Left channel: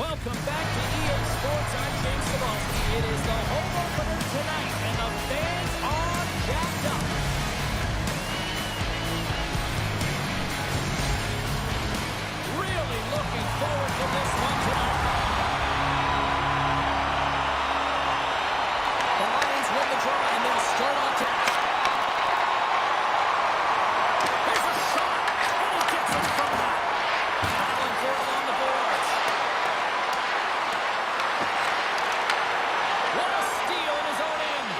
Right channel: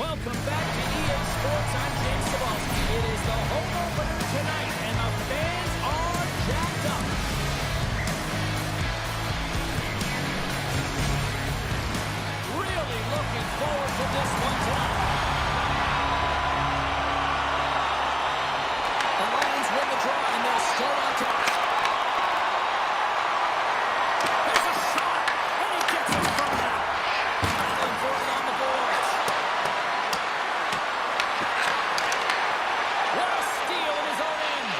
Welcome back to EA Sports. I'm James Cebulski. It is the home opener tonight, and the fans are jacked up. Really looking forward to this one tonight. The Lions win the draw, and they'll start on top. There's a shot, and he gets it from that. Battling for it along the boards. What a steal in his own end.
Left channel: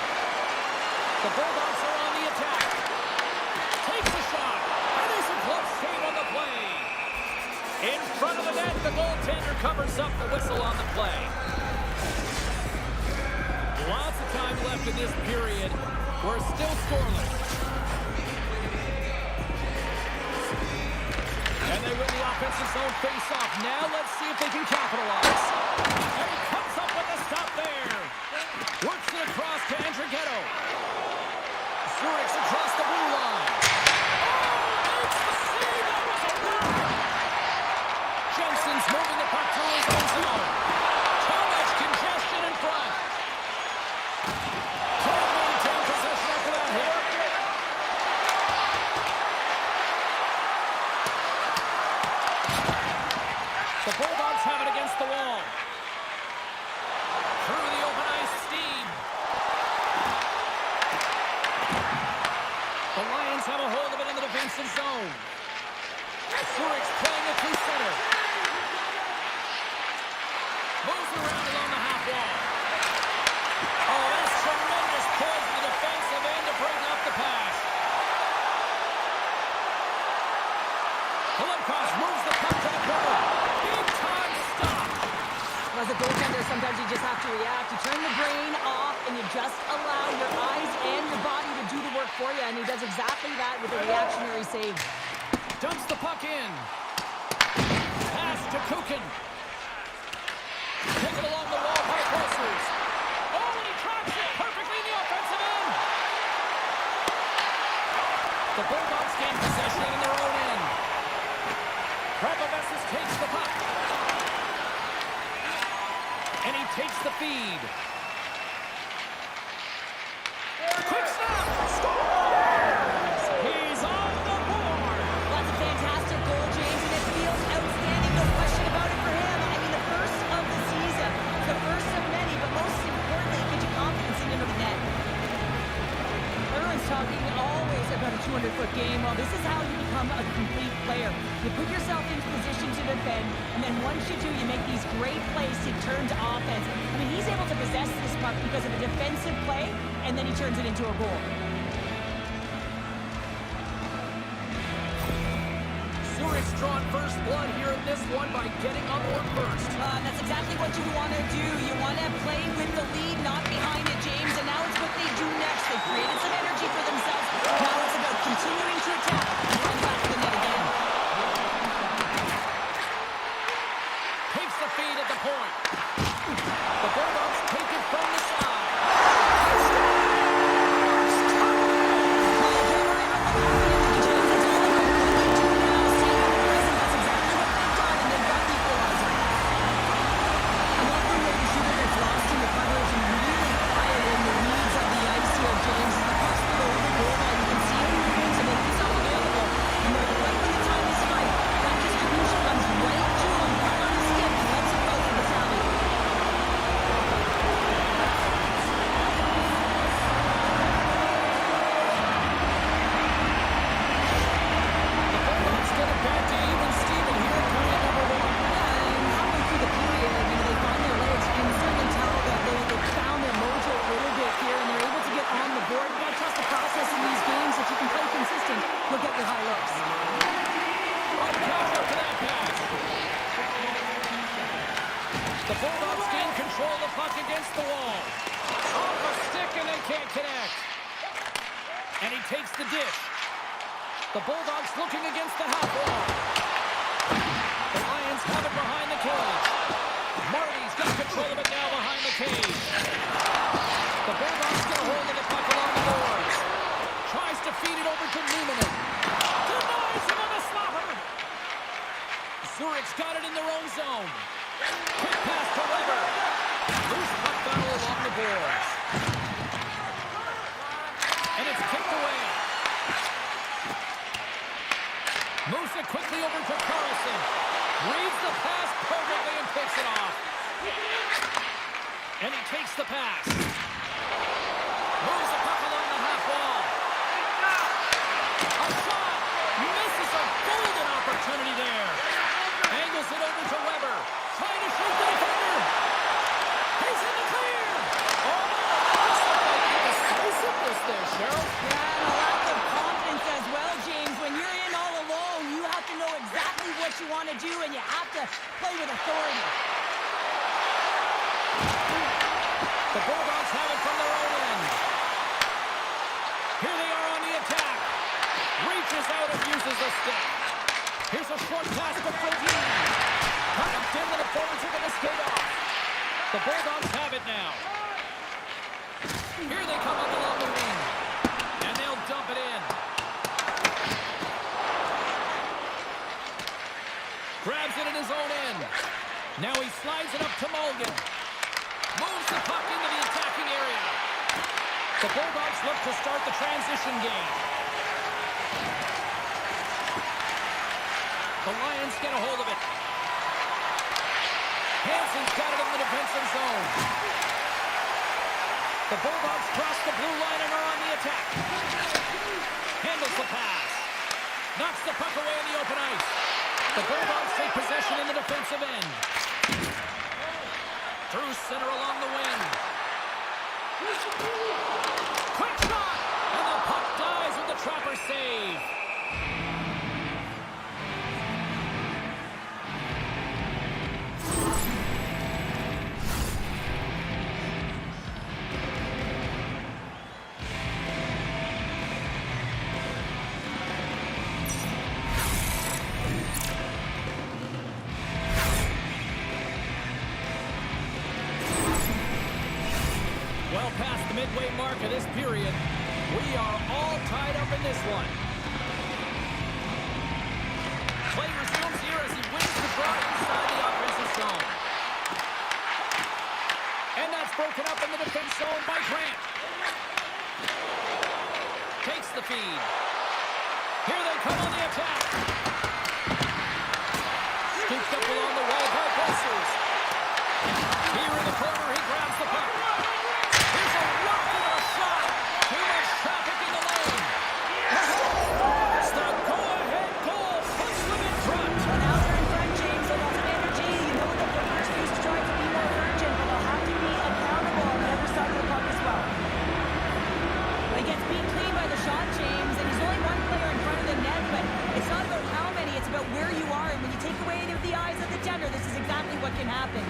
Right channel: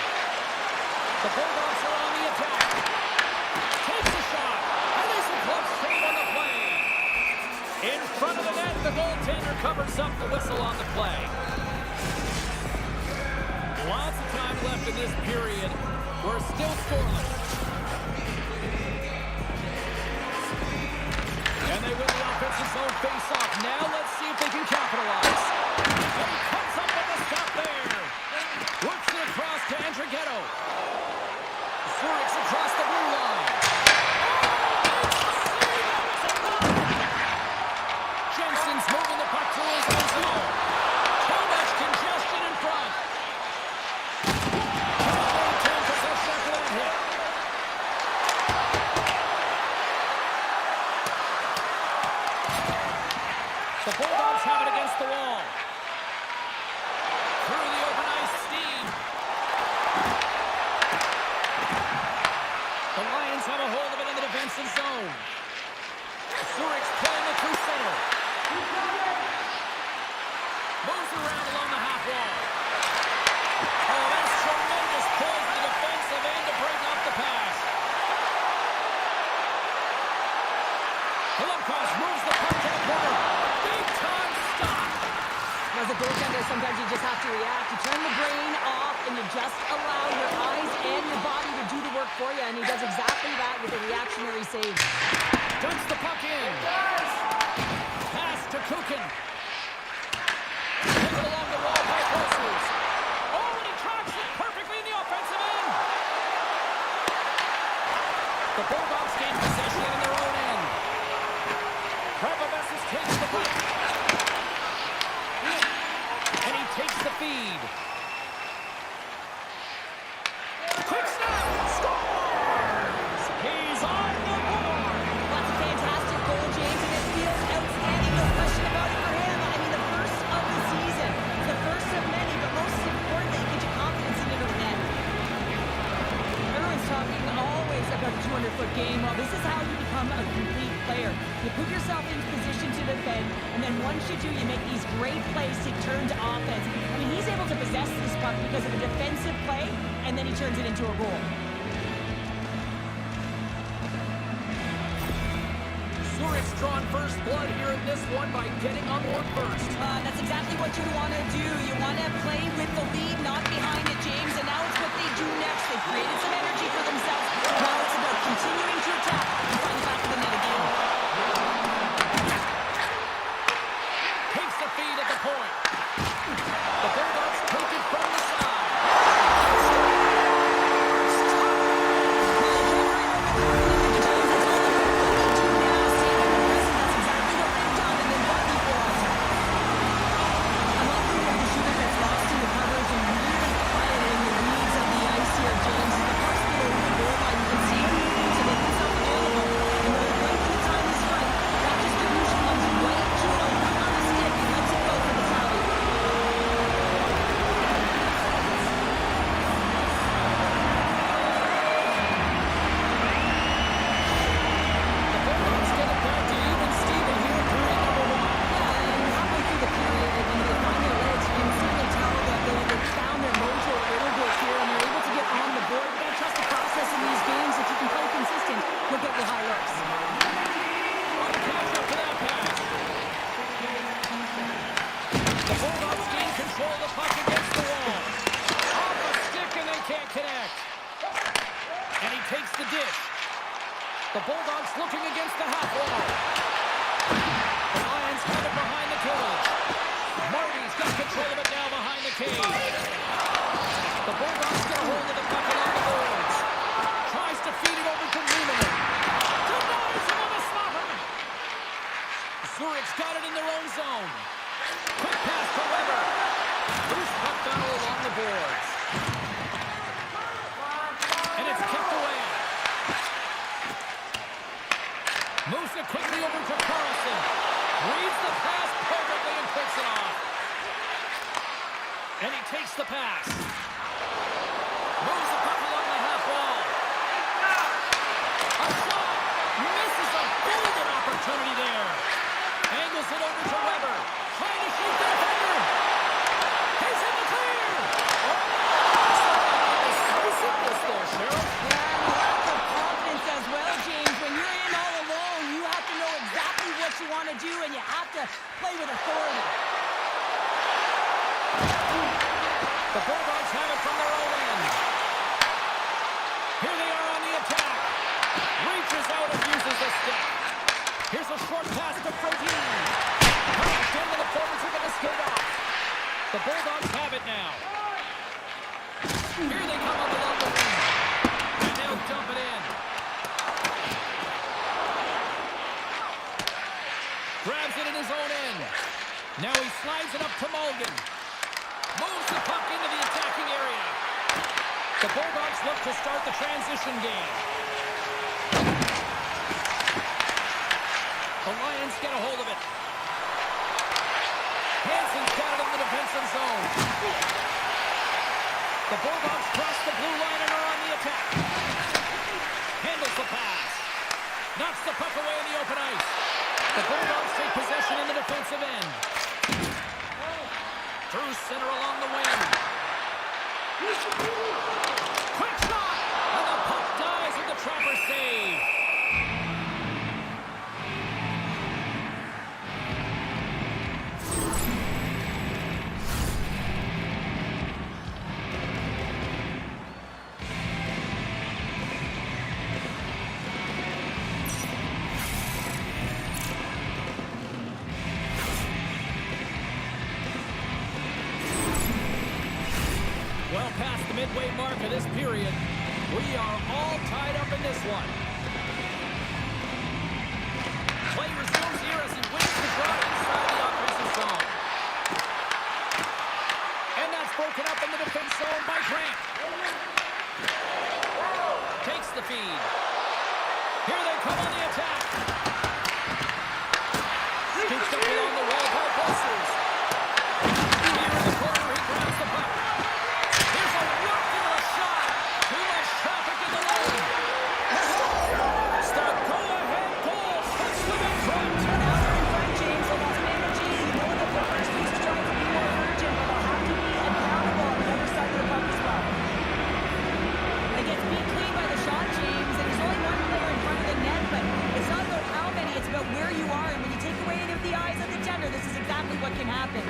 The Bulldogs are on the attack. Takes a shot, and there's a glove save on the play. In front of the net, the goaltender covers up the whistle on the play. Lots of time left in this period. We're still scoreless. And they win the offensive zone face-off. Now let's see if they can capitalize. And he comes up with a stop there. Works it across to Andrighetto. Zurich's across the blue line. Oh, makes the save. That was a block. Jensen's moving the puck through his own zone. Too much congestion in front. Can't maintain possession after that hit. The Bulldogs have it against the wall. Through the open ice, Steve. The Lions have a hold of it in the defensive zone. Zurich's playing it through center. Moves around along the half wall. Oh, that's tremendous poise in the defensive end to break off the pass. Golovkov moves the puck to the corner. Big time stop. As a goaltender, sometimes you just have to react. You turn the brain off and you just allow your eyes and your body to do the work for you. And he does exactly that with a reactionary save. Dumps the puck in. Pass to Kukin. Taken along the wall by Posters. Oh, and he tracks it perfectly in the offensive end. The Bulldogs gain possession in their own end. Krapavessis takes the puck. And he takes the feed. Quick snap! Scores! He's on the board! That's a fantastic goal, James, and it feels outstanding, no question about it for him. I mean, the first of the season. The first of many, but most importantly, it gives you confidence in and over net. Everyone's talking always about a 200-foot game. Well, this is how you become a complete player. You put yourself into position to defend, and then once you do, you make these great plays to turn to offense. I mean, he's able to possess this puck because of a defensive play, and then he turns it into a goal. Zurich's drawn first blood here in this one by getting on board first. That's exactly what you want to do. You want to play with the lead, not behind it, James. And now it's what they do next. They've created some energy for themselves. Now it's about continuing to attack and find the back of the net again. Takes the feed at the point. The Bulldogs take it from the side. James, as the puck's below the goal line, you can see him moving to make himself available. And right when the time is right, that distribution comes right to him, puck on the stick, and lets it go for the tally. The Bulldogs get it back to even Steven here in period number one. Yeah, and halfway through the period, they find their legs, and certainly tell that they've found their mojo a little bit here, and they're able to get on the board. You gotta trust the process in these games. If you can play consistent, you'll get your high looks. What a catch up to that pass. The Bulldogs gain control of the puck against the wall. Off a stick and they can't connect. And he takes the dish. The Bulldogs looking against the half wall. The Lions have it behind the cage. Marty's got control of it now behind the cage. The Bulldogs get a hold of the puck along the boards. Tries to feed it over to Newman. Denies him on the slapper. Zurich's got it in their own zone. Quick Moves it quickly over to Carlson. Reads the pass perfectly and picks it off. And he takes the pass. Moves the puck along the half wall. A shot. Misses a golden opportunity there. Angles it over to Weber. Trying to shoot the defender. He's in the clear. Oh, looks like he was decisiveness there, Cheryl. Yeah, and a lack of confidence as well, James. When you're in all alone, you have to know exactly what you want to do, and you have to play with authority. The Bulldogs have it from their own end. Here they are on the attack. Reaches out and uses a stick. Here's a short pass to Frodin. Knocked in, and the forwards are going to skate off. The Bulldogs have it now. Here they come up along the wing. And they'll dump it in. Grabs it in his own end. Now he slides it up to Mulligan. Moves the puck into the attacking area. The Bulldogs look to start the transition game. The Lions get a hold of it. Hansen's got it in the defensive zone. The Bulldogs cross the blue line and are on the attack. Handles the pass. Knocks the puck away in the open ice. The Bulldogs take possession in the defensive end. Through center along the wing. Quick shot! And the puck dies with the Trapper save. Well past the midway mark of this period, we are all tied up in this one. Play resumes here as he wins the draw inside the offensive zone. And that's broken up in the defense zone by Grant. Takes the feed. Here they come on the attack. Scooped up along the wall by Posters. Here in the corner, he grabs the puck. Here's a rock into a shot. Too much traffic in the lane. It's the go-ahead goal. Puts them in front. Well, now they're in front, James. A lot of energy. You know that the first piece tried to be more urgent, but they'll have to be accountable on the other side of the puck as well. He gets beat clean by the shot, James, and he's only one player in front of the net, but it's not about how many, it's about where you are, and when you take away any of the eyes of the tender, this is exactly what can happen.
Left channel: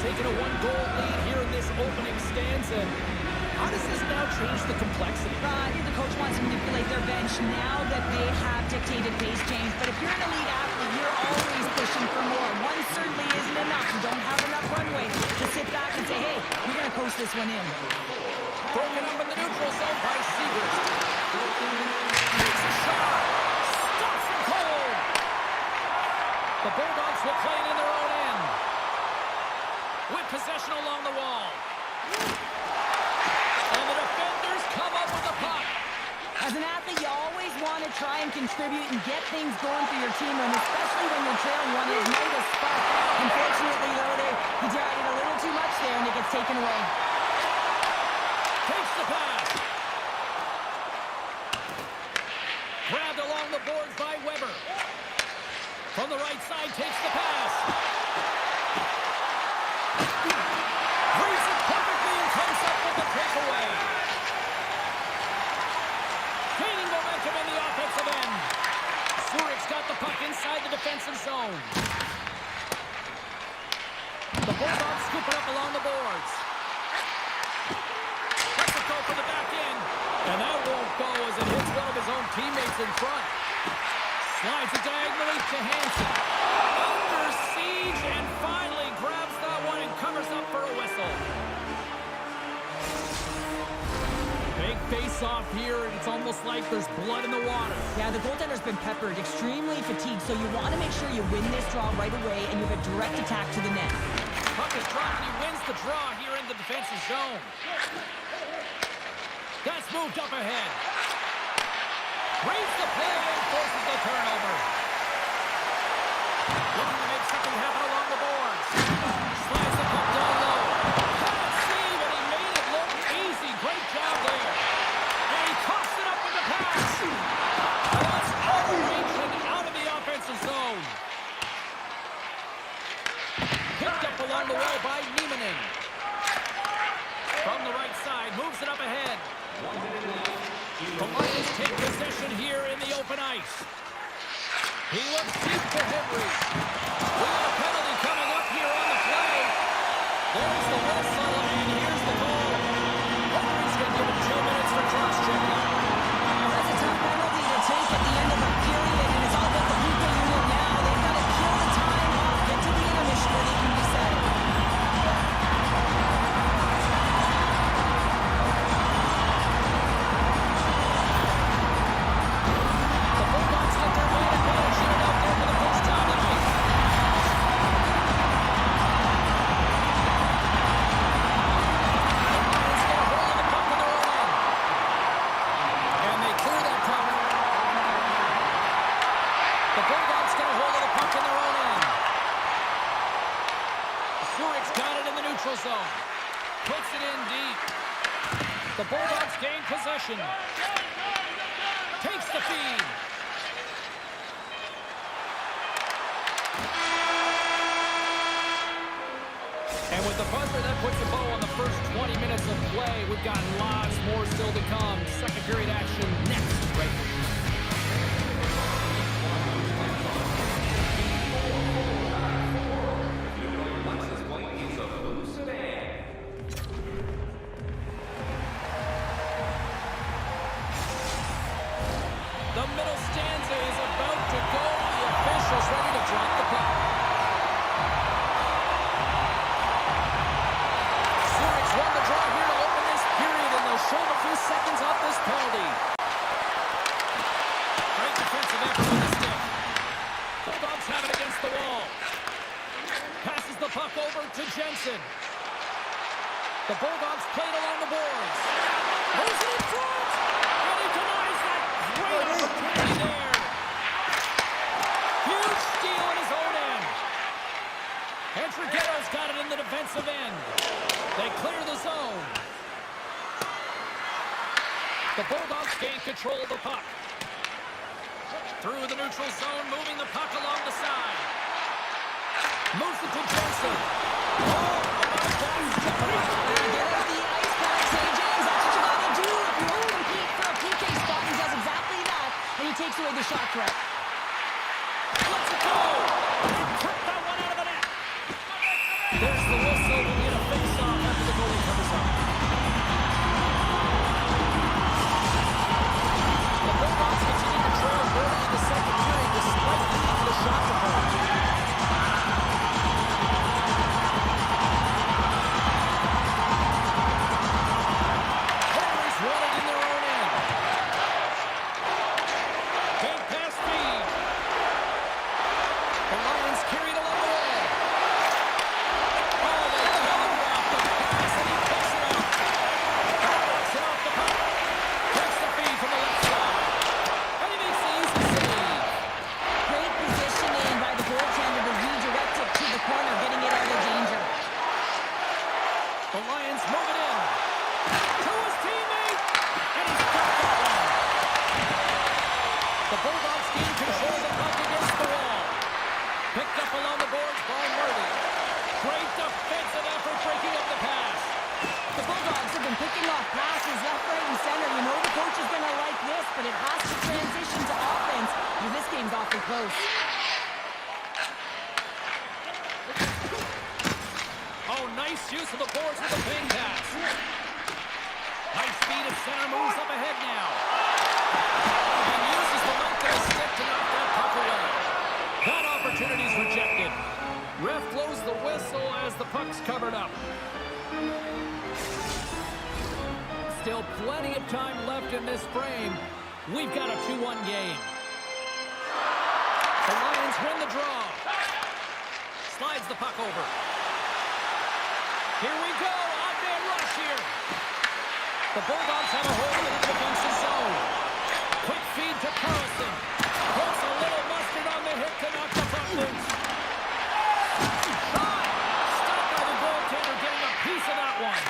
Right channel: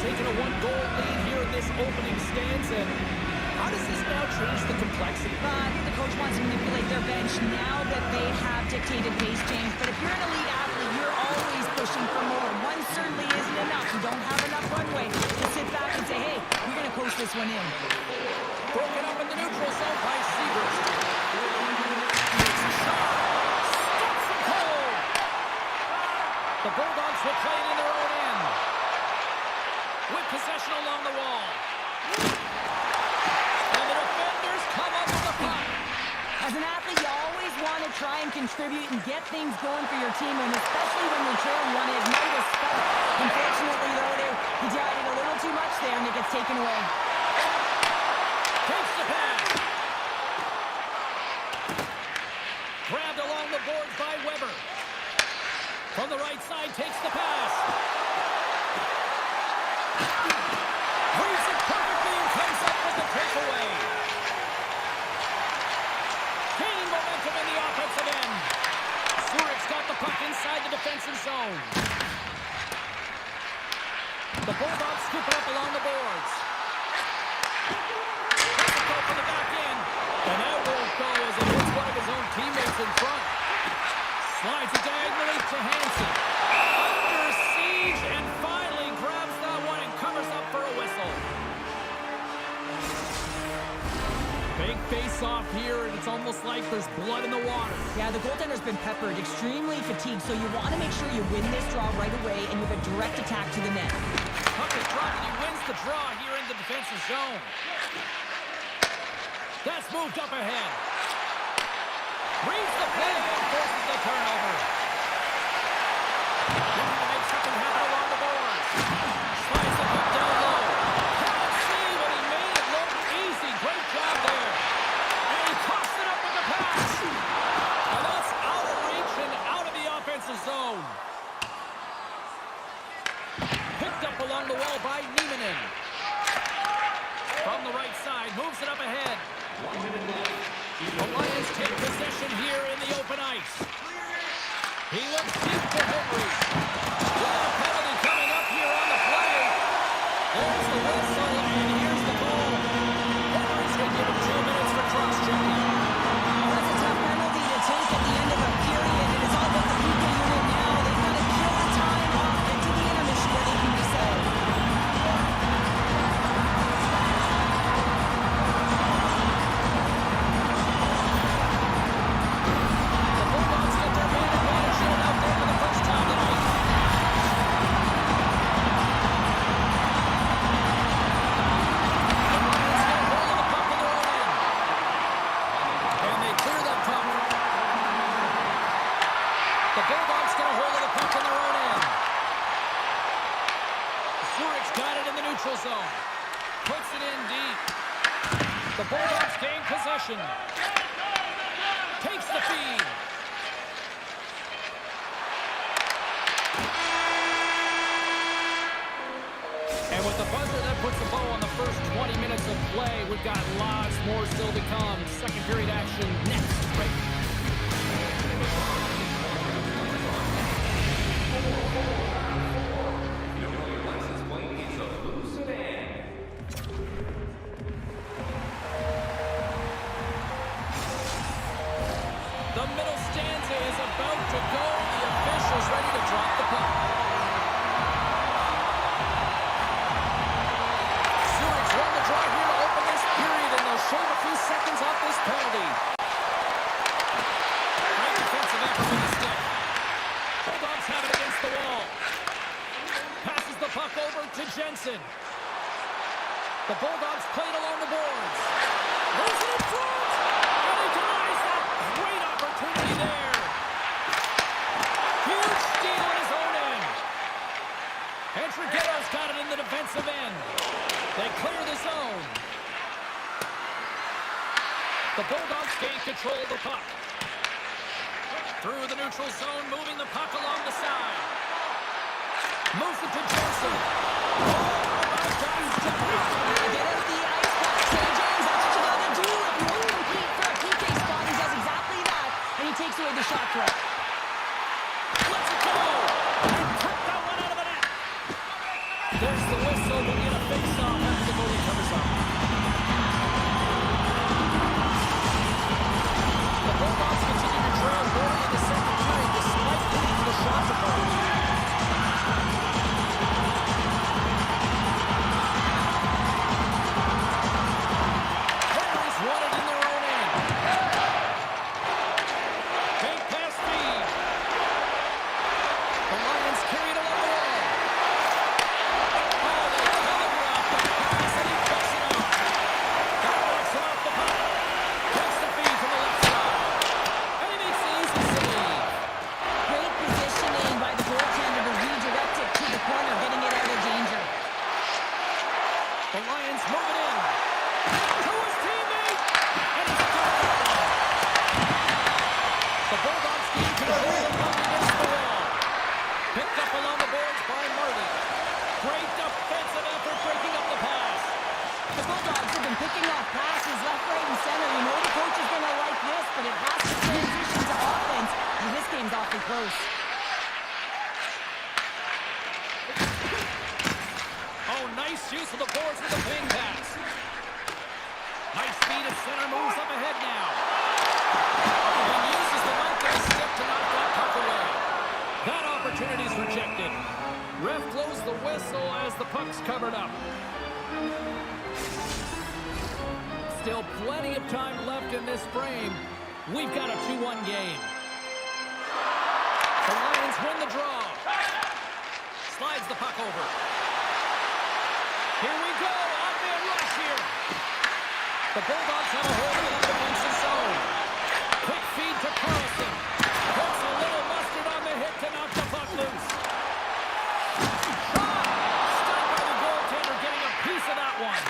Taking a one-goal lead here in this opening stanza. How does this now change the complexity? I think the coach wants to manipulate their bench now that they have dictated pace, James. But if you're an elite athlete, you're always pushing for more. One certainly isn't enough. You don't have enough runway to sit back and say, hey, we're going to coast this one in. Broken up in the neutral zone by Seegers. Makes a shot. Stops him cold. The Bulldogs will play it in their own end. With possession along the wall. And the defenders come up with the puck. As an athlete, you always want to try and contribute and get things going for your team, and especially when you're trailing, you want to ignite a spark. Unfortunately, though, he tried it a little too much there, and it gets taken away. Takes the pass. Grabbed along the boards by Weber. From the right side, takes the pass. Reads it perfectly and comes up with the breakaway. Gaining momentum in the offensive end. Zurich's got the puck inside the defensive zone. The Bulldogs scoop it up along the boards. Has to go for the back end. And that won't go as it hits one of his own teammates in front. Slides it diagonally to Hansen. Under siege and finally grabs that one and covers up for a whistle. Big face-off here, and it's almost like there's blood in the water. Yeah, the goaltender's been peppered, extremely fatigued, so you want to make sure you win this draw right away, and you have a direct attack to the net. Puck is dropped, and he wins the draw here in the defensive zone. That's moved up ahead. Reads the play and forces the turnover. Looking to make something happen along the boards. Slides the puck down low. Can't see, but he made it look easy. Great job there. And he tossed it up with the pass. And that's out of reach and out of the offensive zone. Picked up along the wall by Niemanen. From the right side, moves it up ahead. 1 minute left. The Lions take possession here in the open ice. He looks deep to Henry. We got a penalty coming up here on the play. There's the whistle, and here's the goal. Referee's going to give it 2 minutes for cross-checking. That's a tough penalty to take at the end of a period, and it's all about the PK unit now. They've got to kill the time off into the intermission where they can reset. The Bulldogs get their man advantage unit out there for the first time tonight. The Lions get a hold of the puck on their own end. And they clear that puck. The Bulldogs get a hold of the puck in their own end. Zurich's got it in the neutral zone. Puts it in deep. The Bulldogs gain possession. Takes the feed. And with the buzzer, that puts a bow on the first 20 minutes of play. We've got lots more still to come. Second period action next, right? The middle stanza is about to go. The official's ready to drop the puck. Zurich's won the draw here to open this period, and they'll shave a few seconds off this penalty. Great defensive effort with the stick. Bulldogs have it against the wall. Passes the puck over to Jensen. The Bulldogs played along the boards. Moves it in front, and he denies that. Great opportunity there. Huge steal in his own end. Entrigetto's got it in the defensive end. They clear the zone. The Bulldogs gain control of the puck. Through the neutral zone, moving the puck along the side. Moves it to Jensen. Oh, about that. Get out the ice pack, St. James. That's what you got to do if you want to compete for a PK spot. He does exactly that, and he takes away the shot threat. Let's go. And took that one out of the net. There's the whistle. We'll get a face-off after the goalie covers up. The Bulldogs continue to trail early in the second period despite leading the shot department. Henry's won it in their own end. Big pass feed. The Lions carried along the wall. Oh, they telegraphed the pass, and he picks it up. That knocks it off the puck. Takes the feed from the left side. And he makes the easy save. Great positioning by the goaltender to redirect it to the corner, getting it out of danger. The Lions move it in. To his teammate. And he's got that one. The Bulldogs gain control of the puck against the wall. Picked up along the boards by Marty. Great defensive effort breaking up the pass. The Bulldogs have been picking off passes left, right, and center. You know the coach is going to like this, but it has to transition to offense, because this game's awfully close. Oh, nice use of the boards with the ping pass. Nice speed at center, moves up ahead now. And uses the length of his stick to knock that puck away. That opportunity's rejected. Ref blows the whistle as the puck's covered up. Still plenty of time left in this frame. We've got a 2-1 game. The Lions win the draw. Slides the puck over. Here we go. Odd-man rush here. The Bulldogs have a hold of the defensive zone. Quick feed to Carlson. Puts a little mustard on the hit to knock the puck loose. Shot! Stopped by the goaltender, getting a piece of that one.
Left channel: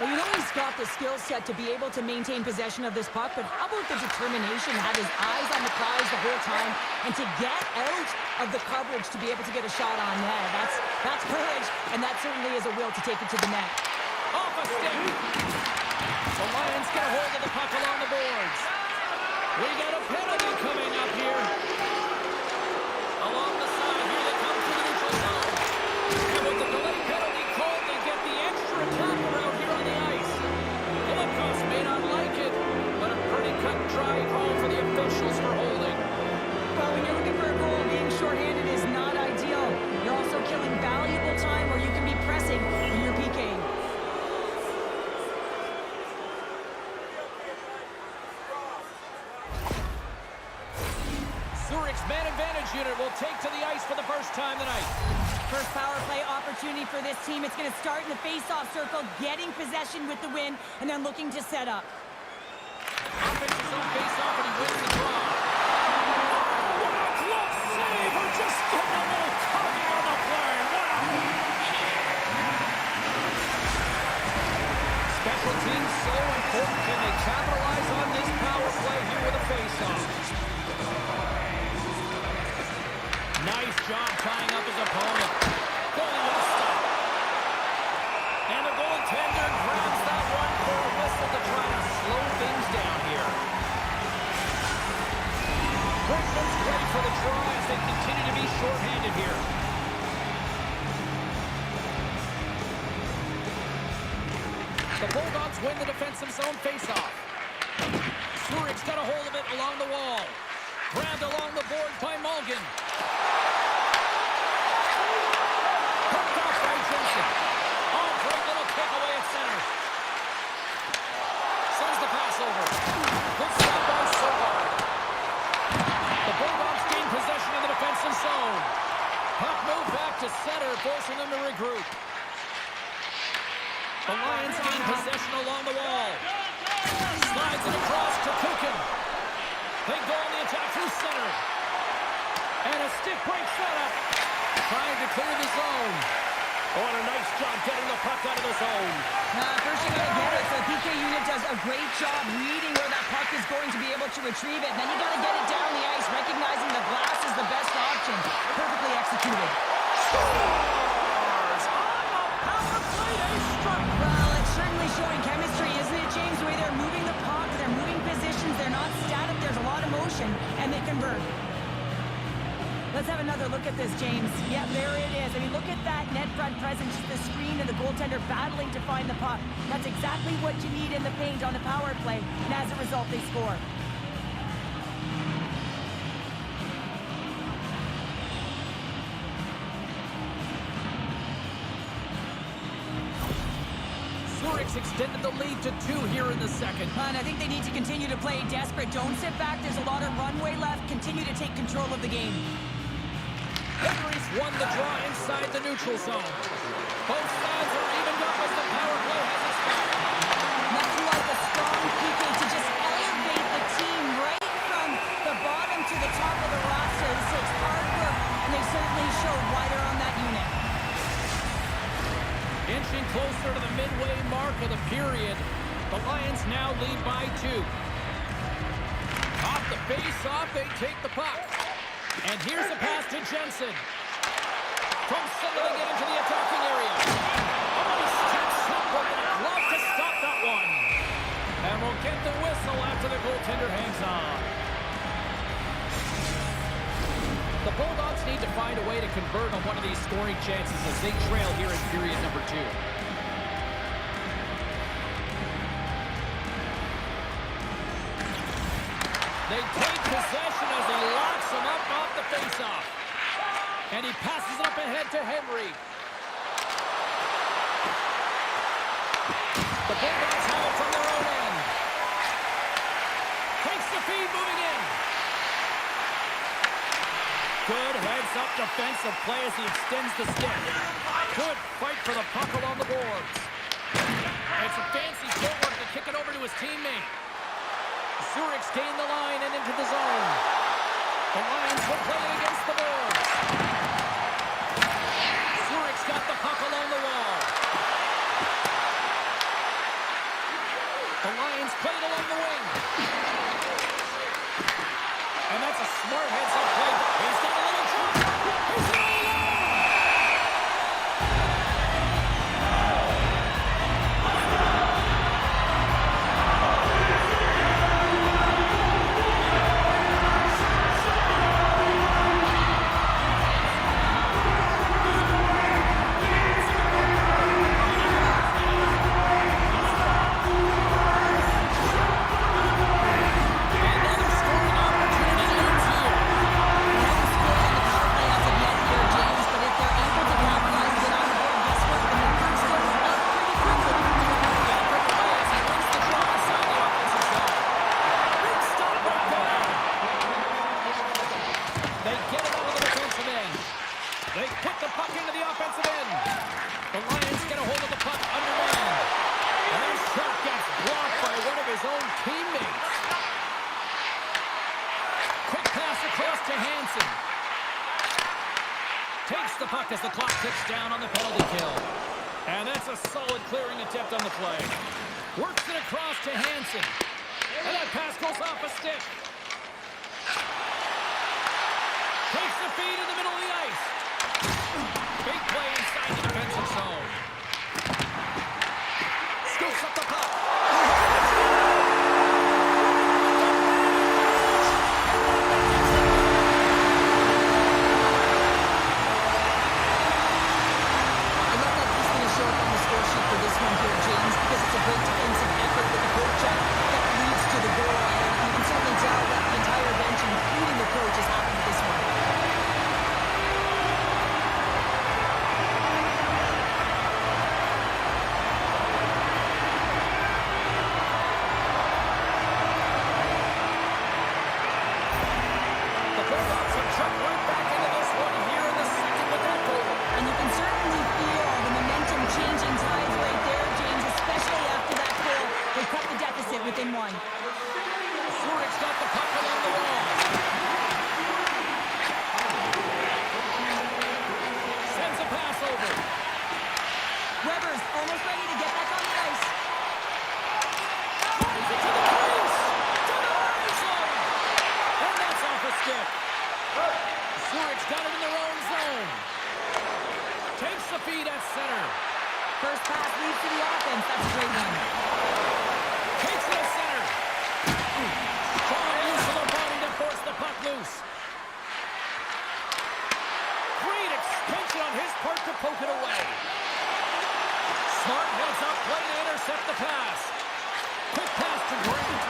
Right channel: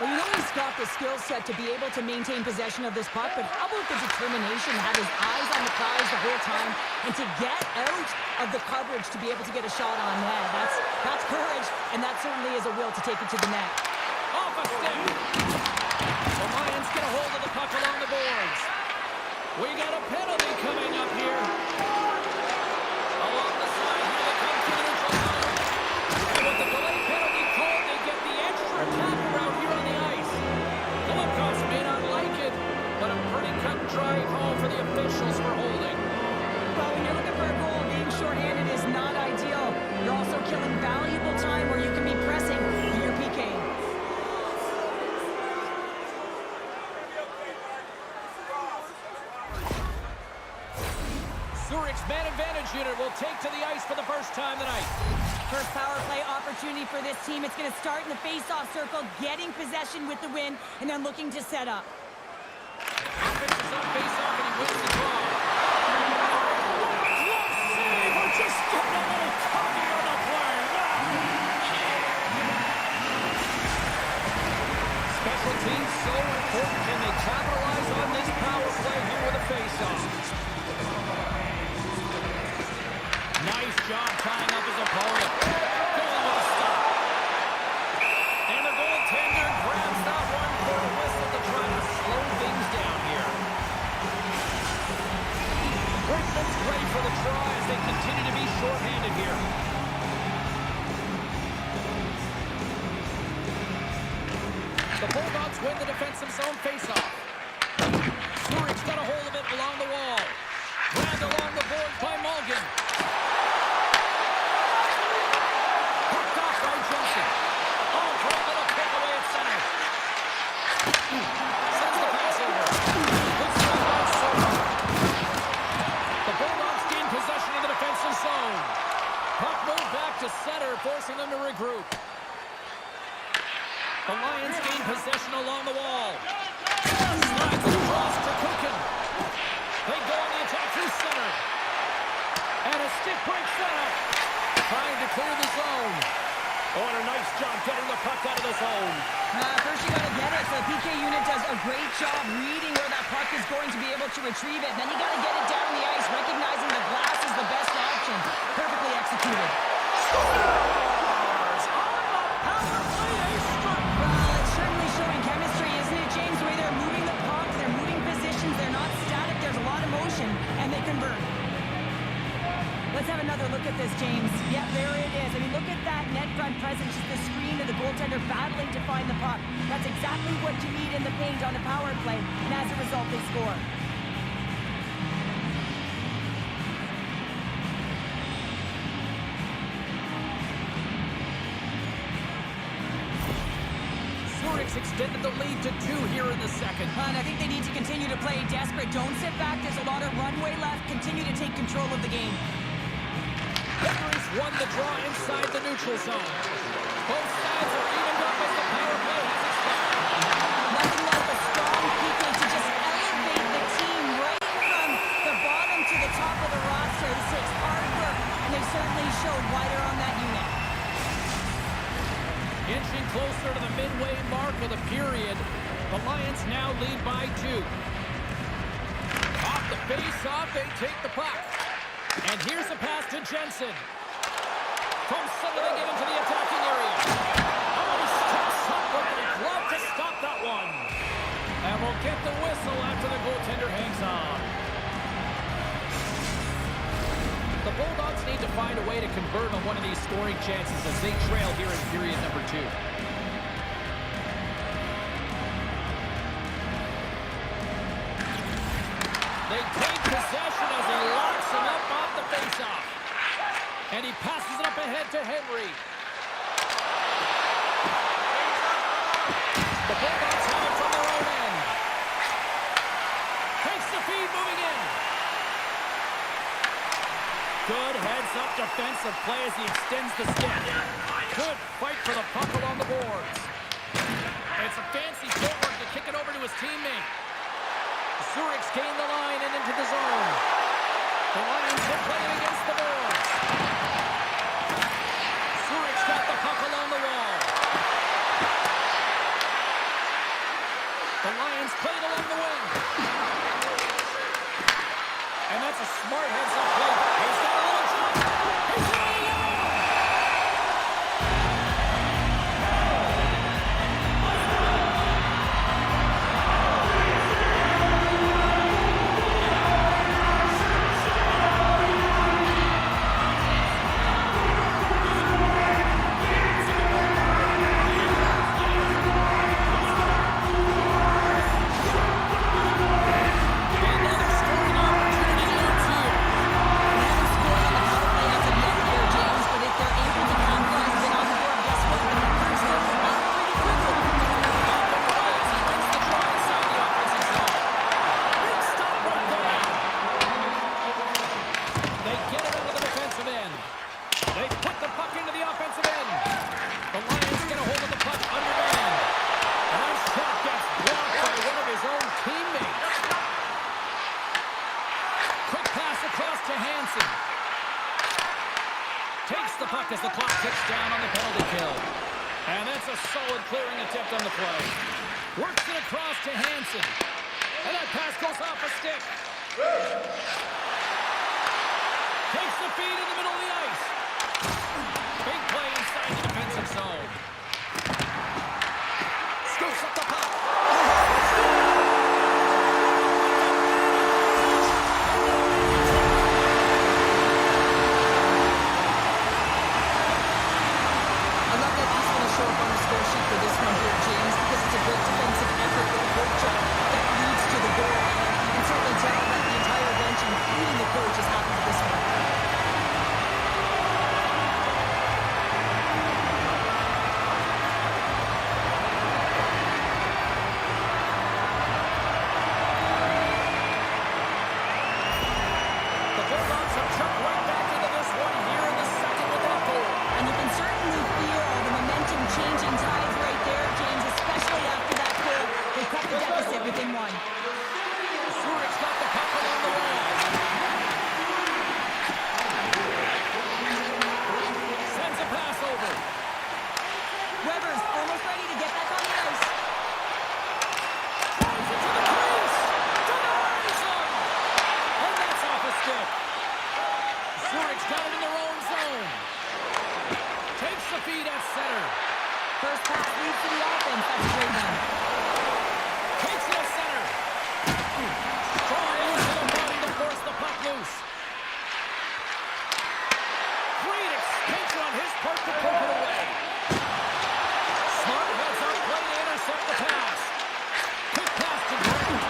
Well, you know he's got the skill set to be able to maintain possession of this puck, but how about the determination to have his eyes on the prize the whole time and to get out of the coverage to be able to get a shot on net? That's courage, and that certainly is a will to take it to the net. Off a stick. The Lions get a hold of the puck along the boards. We got a penalty coming up here. Along the side, here they come to the neutral zone. And with the delay penalty called, they get the extra attacker out here on the ice. The Liftoffs may not like it, but a pretty cut and dry call for the officials for holding. Well, when you're looking for a goal, being shorthanded is not ideal. You're also killing valuable time where you can be pressing in your PK. Zurich's man advantage unit will take to the ice for the first time tonight. First power play opportunity for this team. It's going to start in the face-off circle, getting possession with the win, and then looking to set up. Offensive on face-off, and he wins the draw. What a glove save! We're just getting a little cocky on the play. Wow! Special teams so important. Can they capitalize on this power play here with a face-off? Nice job tying up his opponent. Going with a stop. And the goaltender grabs that one for a whistle to try to slow things down here. Brickman's ready for the draw as they continue to be shorthanded here. The Bulldogs win the defensive zone faceoff. Zurich's got a hold of it along the wall. Grabbed along the boards by Mulligan. By Jensen. Oh, great little kick away at center. Sends the pass over. Good stop by Somar. The Bulldogs gain possession in the defensive zone. Puck moved back to center, forcing them to regroup. The Lions gain possession along the wall. Slides it across to Kukin. They go on the attack through center. And a stick break setup. Trying to clear the zone. Oh, and a nice job getting the puck out of the zone. First you got to get it. The PK unit does a great job reading where that puck is going to be able to retrieve it. Then you got to get it down the ice, recognizing the glass is the best option. Perfectly executed. Scores on the power play. They struck. Well, it's certainly showing chemistry, isn't it, James? The way they're moving the puck, they're moving positions, they're not static. There's a lot of motion, and they convert. Let's have another look at this, James. Yeah, there it is. I mean, look at that net front presence, the screen, and the goaltender battling to find the puck. That's exactly what you need in the paint on the power play, and as a result, they score. Zurich's extended the lead to 2 here in the second. And I think they need to continue to play desperate. Don't sit back. There's a lot of runway left. Continue to take control of the game. Henry's won the draw inside the neutral zone. Both sides are evened up as the power play has expired. Nothing like a strong PK to just elevate the team right from the bottom to the top of the roster. This takes hard work, and they certainly showed why they're on that unit. Inching closer to the midway mark of the period, the Lions now lead by 2. Off the face-off, they take the puck. And here's a pass to Jensen. From center, they get into the attacking area. Oh, he steps up with a glove to stop that one. And we'll get the whistle after the goaltender hangs on. The Bulldogs need to find a way to convert on one of these scoring chances as they trail here in period number 2. They take possession as he locks him up off the faceoff. And he passes it up ahead to Henry. The Bulldogs have it from their own end. Takes the feed, moving in. Good heads-up defensive play as he extends the stick. Good fight for the puck along the boards. It's a fancy footwork to kick it over to his teammate. Zurich's gained the line and into the zone. The Lions will play it against the boards. Zurich's got the puck along the wall. The Lions play it along the wing. And that's a smart heads-up play. He's got a little jump. He's in all alone. They put the puck into the offensive end. The Lions get a hold of the puck underhand. And that shot gets blocked by one of his own teammates. Quick pass across to Hansen. Takes the puck as the clock ticks down on the penalty kill. And that's a solid clearing attempt on the play. Works it across to Hansen. And that pass goes off a stick. Takes the feed in the middle of the ice. Big play inside the defensive zone. Scoops up the puck. I love that he's going to show up on the score sheet for this one here, James, because it's a great defensive effort with the forecheck that leads to the goal. And you can certainly tell that the entire bench, including the coach, is happy with this one. The Bulldogs have jumped right back into this one here in the second with that goal. And you can certainly feel the momentum changing tides right there, James, especially after that goal. They cut the deficit within one. Zurich's got the puck along the wall. Sends a pass over. Weber's almost ready to get back on the ice. Drives it to the crease. To the horizon. And that's off a stick. Zurich's got it in their own zone. Takes the feed at center. First pass leads to the offense. That's a great one. Takes it at center. Strong use of the body to force the puck loose. Great extension on his part to poke it away. Smart heads up play to intercept the pass. Quick pass to Grant.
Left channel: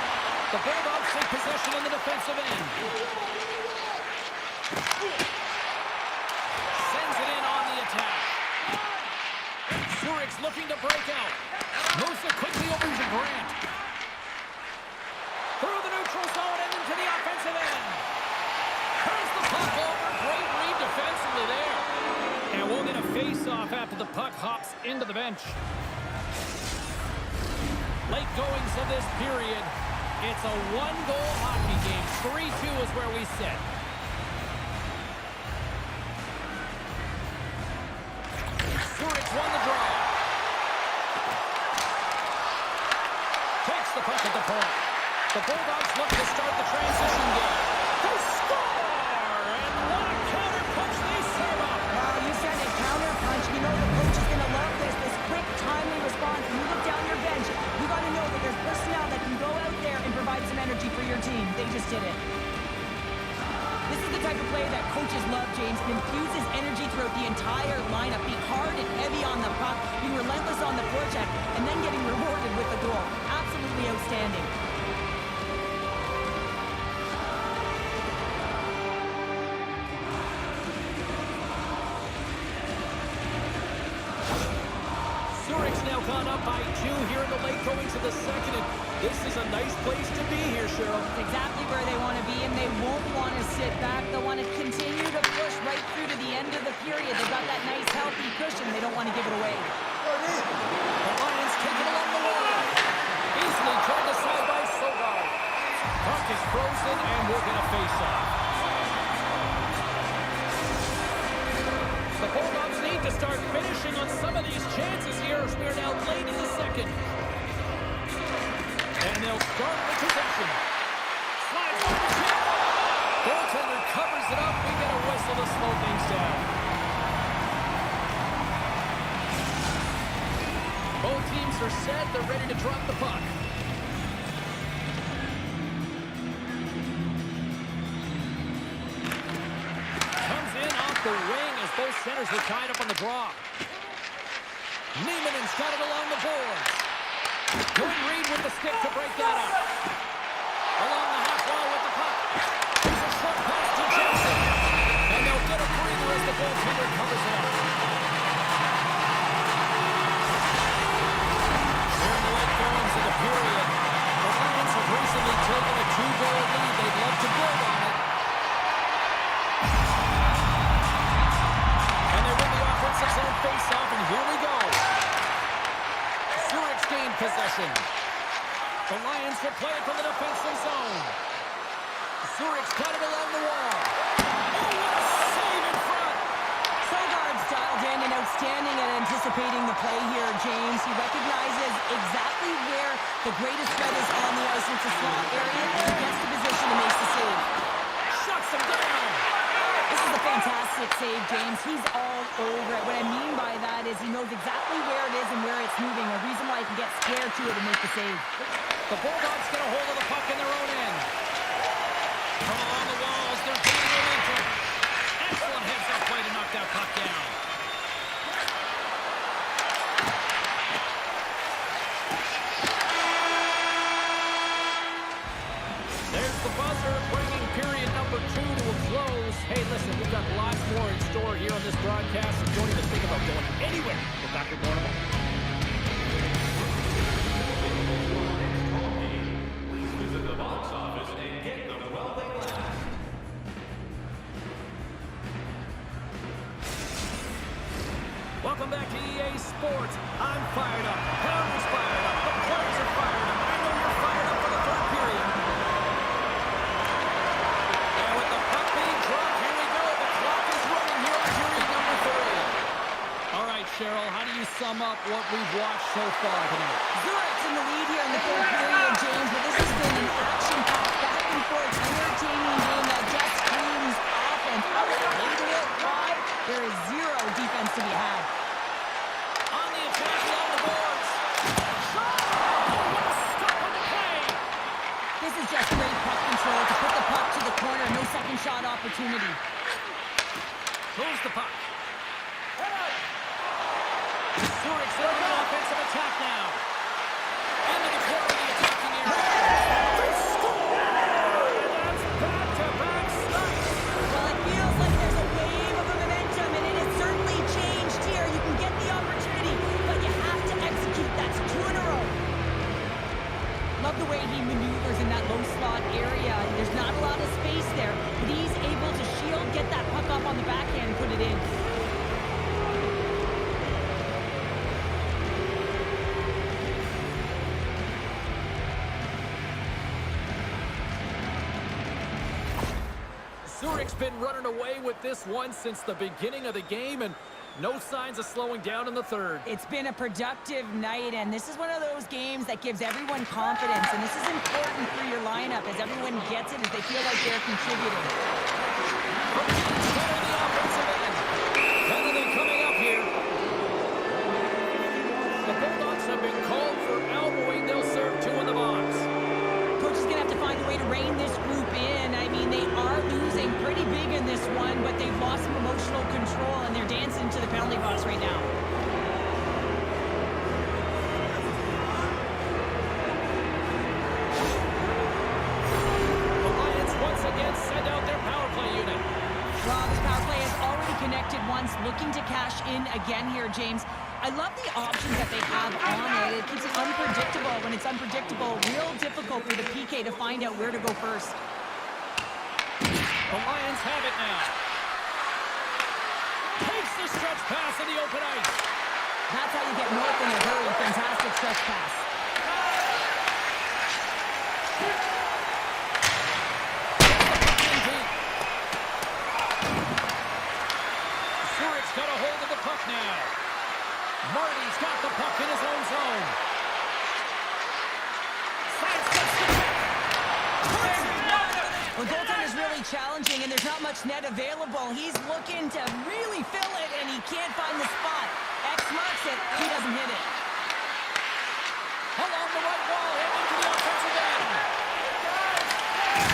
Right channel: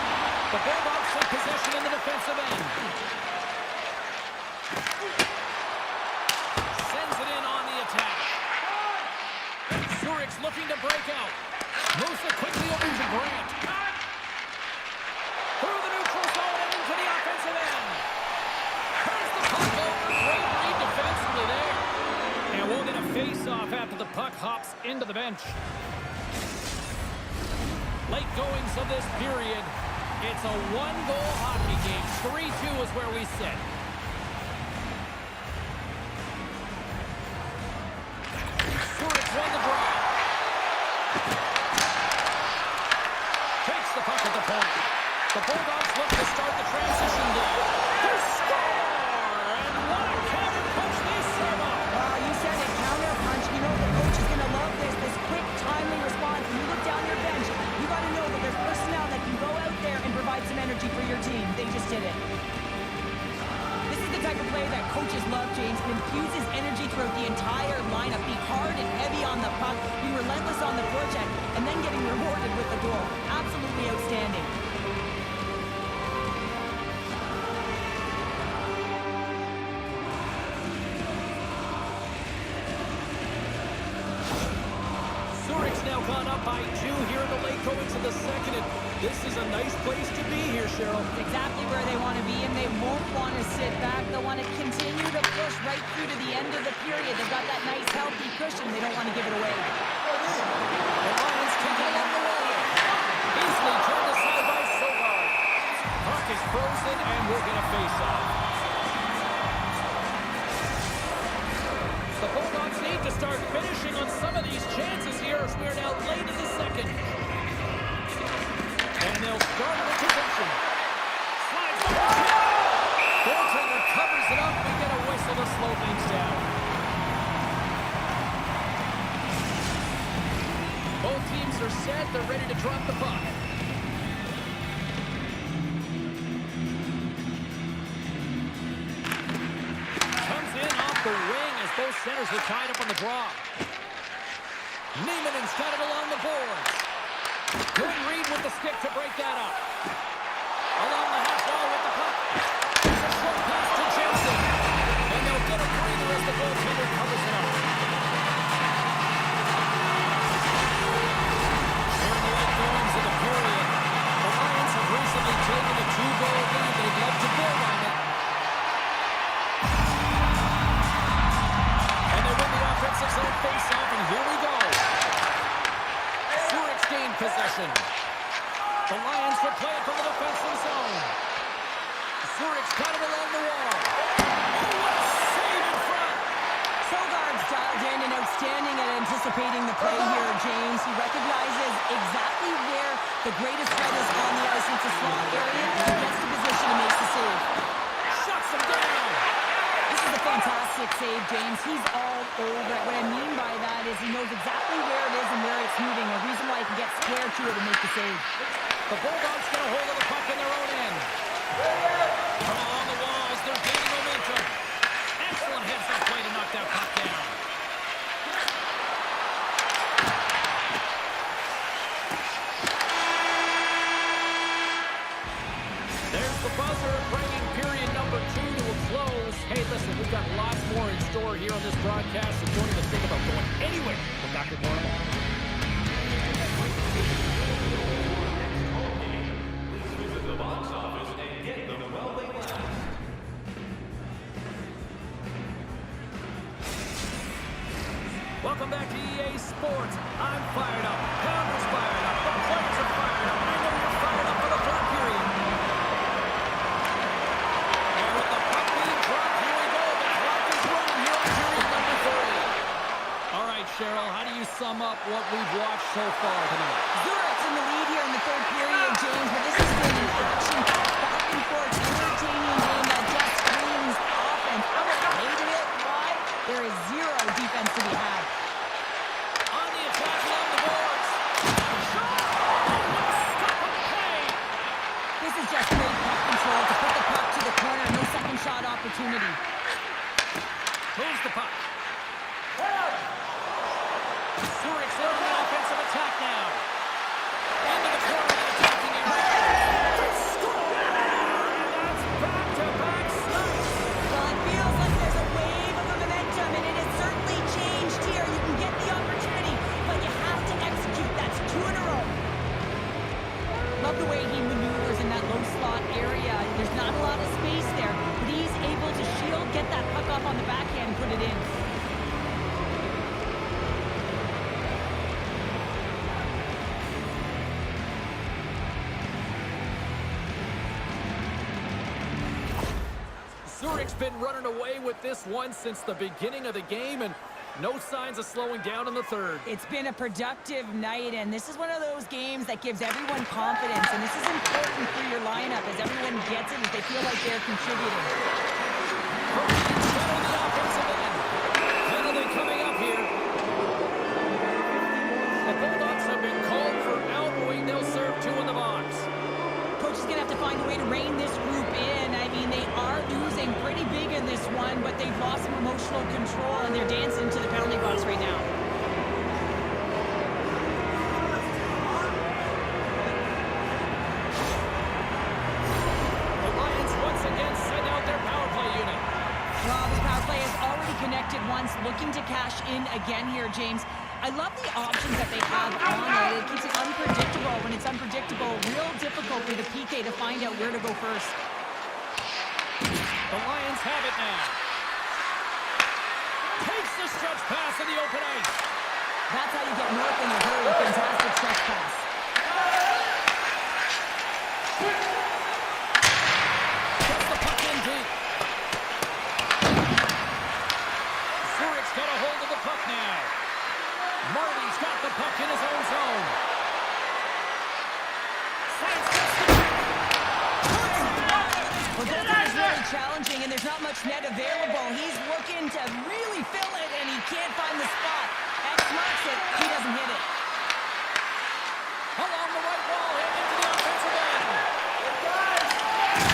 The Bulldogs take possession in the defensive end. Sends it in on the attack. Zurich's looking to break out. Moves it quickly over to Grant. Through the neutral zone and into the offensive end. Turns the puck over. Great read defensively there. And we'll get a face-off after the puck hops into the bench. Late goings of this period. It's a one-goal hockey game. 3-2 is where we sit. Zurich won the draw. Takes the puck at the point. The Bulldogs look to start the transition game. They score! And what a counter punch they serve up. Wow, you said it, counter punch. You know the coach is going to love this quick, timely response. When you look down your bench, you got to know that there's personnel that can go out there and provide some energy for your team. They just did it. This is the type of play that coaches love, James. It infuses energy throughout the entire lineup. Be hard and heavy on the puck, being relentless on the forecheck, and then getting rewarded with the goal. Absolutely outstanding. Zurich's now now gone up by 2 here in the late goings of the second. And this is a nice place to be here, Cheryl. Exactly where they want to be, and they won't want to sit back. They'll want to continue to push right through to the end of the period. They've got that nice, healthy cushion. They don't want to give it away. The Lions take it along the wall. Easily turned aside by Sogard. Puck is frozen, and we'll get a face-off. The Bulldogs need to start finishing on some of these chances here as we are now late in the second. And they'll start with possession. Slides by the tip. Goaltender covers it up. We get a whistle to slow things down. Both teams are set. They're ready to drop the puck. Comes in off the wing as both centers were tied up on the draw. Niemanen's got it along the board. Good read with the stick to break that up. Along the half wall with the puck. Here's a short pass to Jensen. And they'll get a breather as the goaltender covers it up. Here in the late goings of the period, the Lions have recently taken a 2-goal lead. They'd love to build on it. And they win the offensive zone face-off, and here we go. Zurich's gained possession. The Lions will play it from the defensive zone. Zurich's got it along the wall. Oh, what a save in front! Sogard's dialed in and outstanding at anticipating the play here, James. He recognizes exactly where the greatest threat is on the ice. It's a slot area, and he gets the position to make the save. Shuts him down! This is a fantastic save, James. He's all over it. What I mean by that is he knows exactly where it is and where it's moving, a reason why he can get square to it and make the save. The Bulldogs get a hold of the puck in their own end. From along the walls, they're gaining momentum. Excellent heads-up play to knock that puck down. There's the buzzer, bringing period number 2 to a close. Hey, listen, we've got lots more in store here on this broadcast, so don't even think about going anywhere. We're back with more in a moment. Please visit the box office and get them while they last. Welcome back to EA Sports. I'm fired up. Pounder's fired up. The players are fired up. I know you're fired up for the third period. And with the puck being dropped, here we go. The clock is running here on period number 3. All right, Cheryl, how do you sum up what we've watched so far tonight? Zurich's in the lead here in the third period, James, but this has been an action-packed, back-and-forth, entertaining game that just screams offense. I would have hated it. Why? There is zero defense to be had. On the attack along the boards. Shot! Oh, what a stop on the play! This is just great puck control to put the puck to the corner. No second shot opportunity. Moves the puck. Zurich's in on the offensive attack now. Into the corner of the attacking area. They score! And that's back-to-back snipes. Well, it feels like there's a wave of momentum, and it has certainly changed here. You can get the opportunity, but you have to execute. That's 2 in a row. Love the way he maneuvers in that low slot area. There's not a lot of space there, but he's able to shield, get that puck up on the backhand, and put it in. Zurich's been running away with this one since the beginning of the game, and no signs of slowing down in the third. It's been a productive night, and this is one of those games that gives everyone confidence, and this is important for your lineup as everyone gets it, as they feel like they're contributing. Better in the offensive end. Penalty coming up here. The Bulldogs have been called for elbowing. They'll serve 2 in the box. Coach is going to have to find a way to rein this group in. I mean, they are losing pretty big in this one, but they've lost some emotional control, and they're dancing to the penalty box right now. The Lions once again send out their power play unit. Well, this power play has already connected once, looking to cash in again here, James. I love the options that they have on it. It keeps it unpredictable. When it's unpredictable, real difficult for the PK to find out where to go first. The Lions have it now. Takes the stretch pass in the open ice. That's how you get north in a hurry. Fantastic stretch pass. Gets the puck in deep. Zurich's got a hold of the puck now. Marty's got the puck in his own zone. Sidesteps the check. Well, goaltending is really challenging, and there's not much net available. He's looking to really fill it, and he can't find the spot. X marks it. He doesn't hit it. Along the right wall, heading into the offensive end.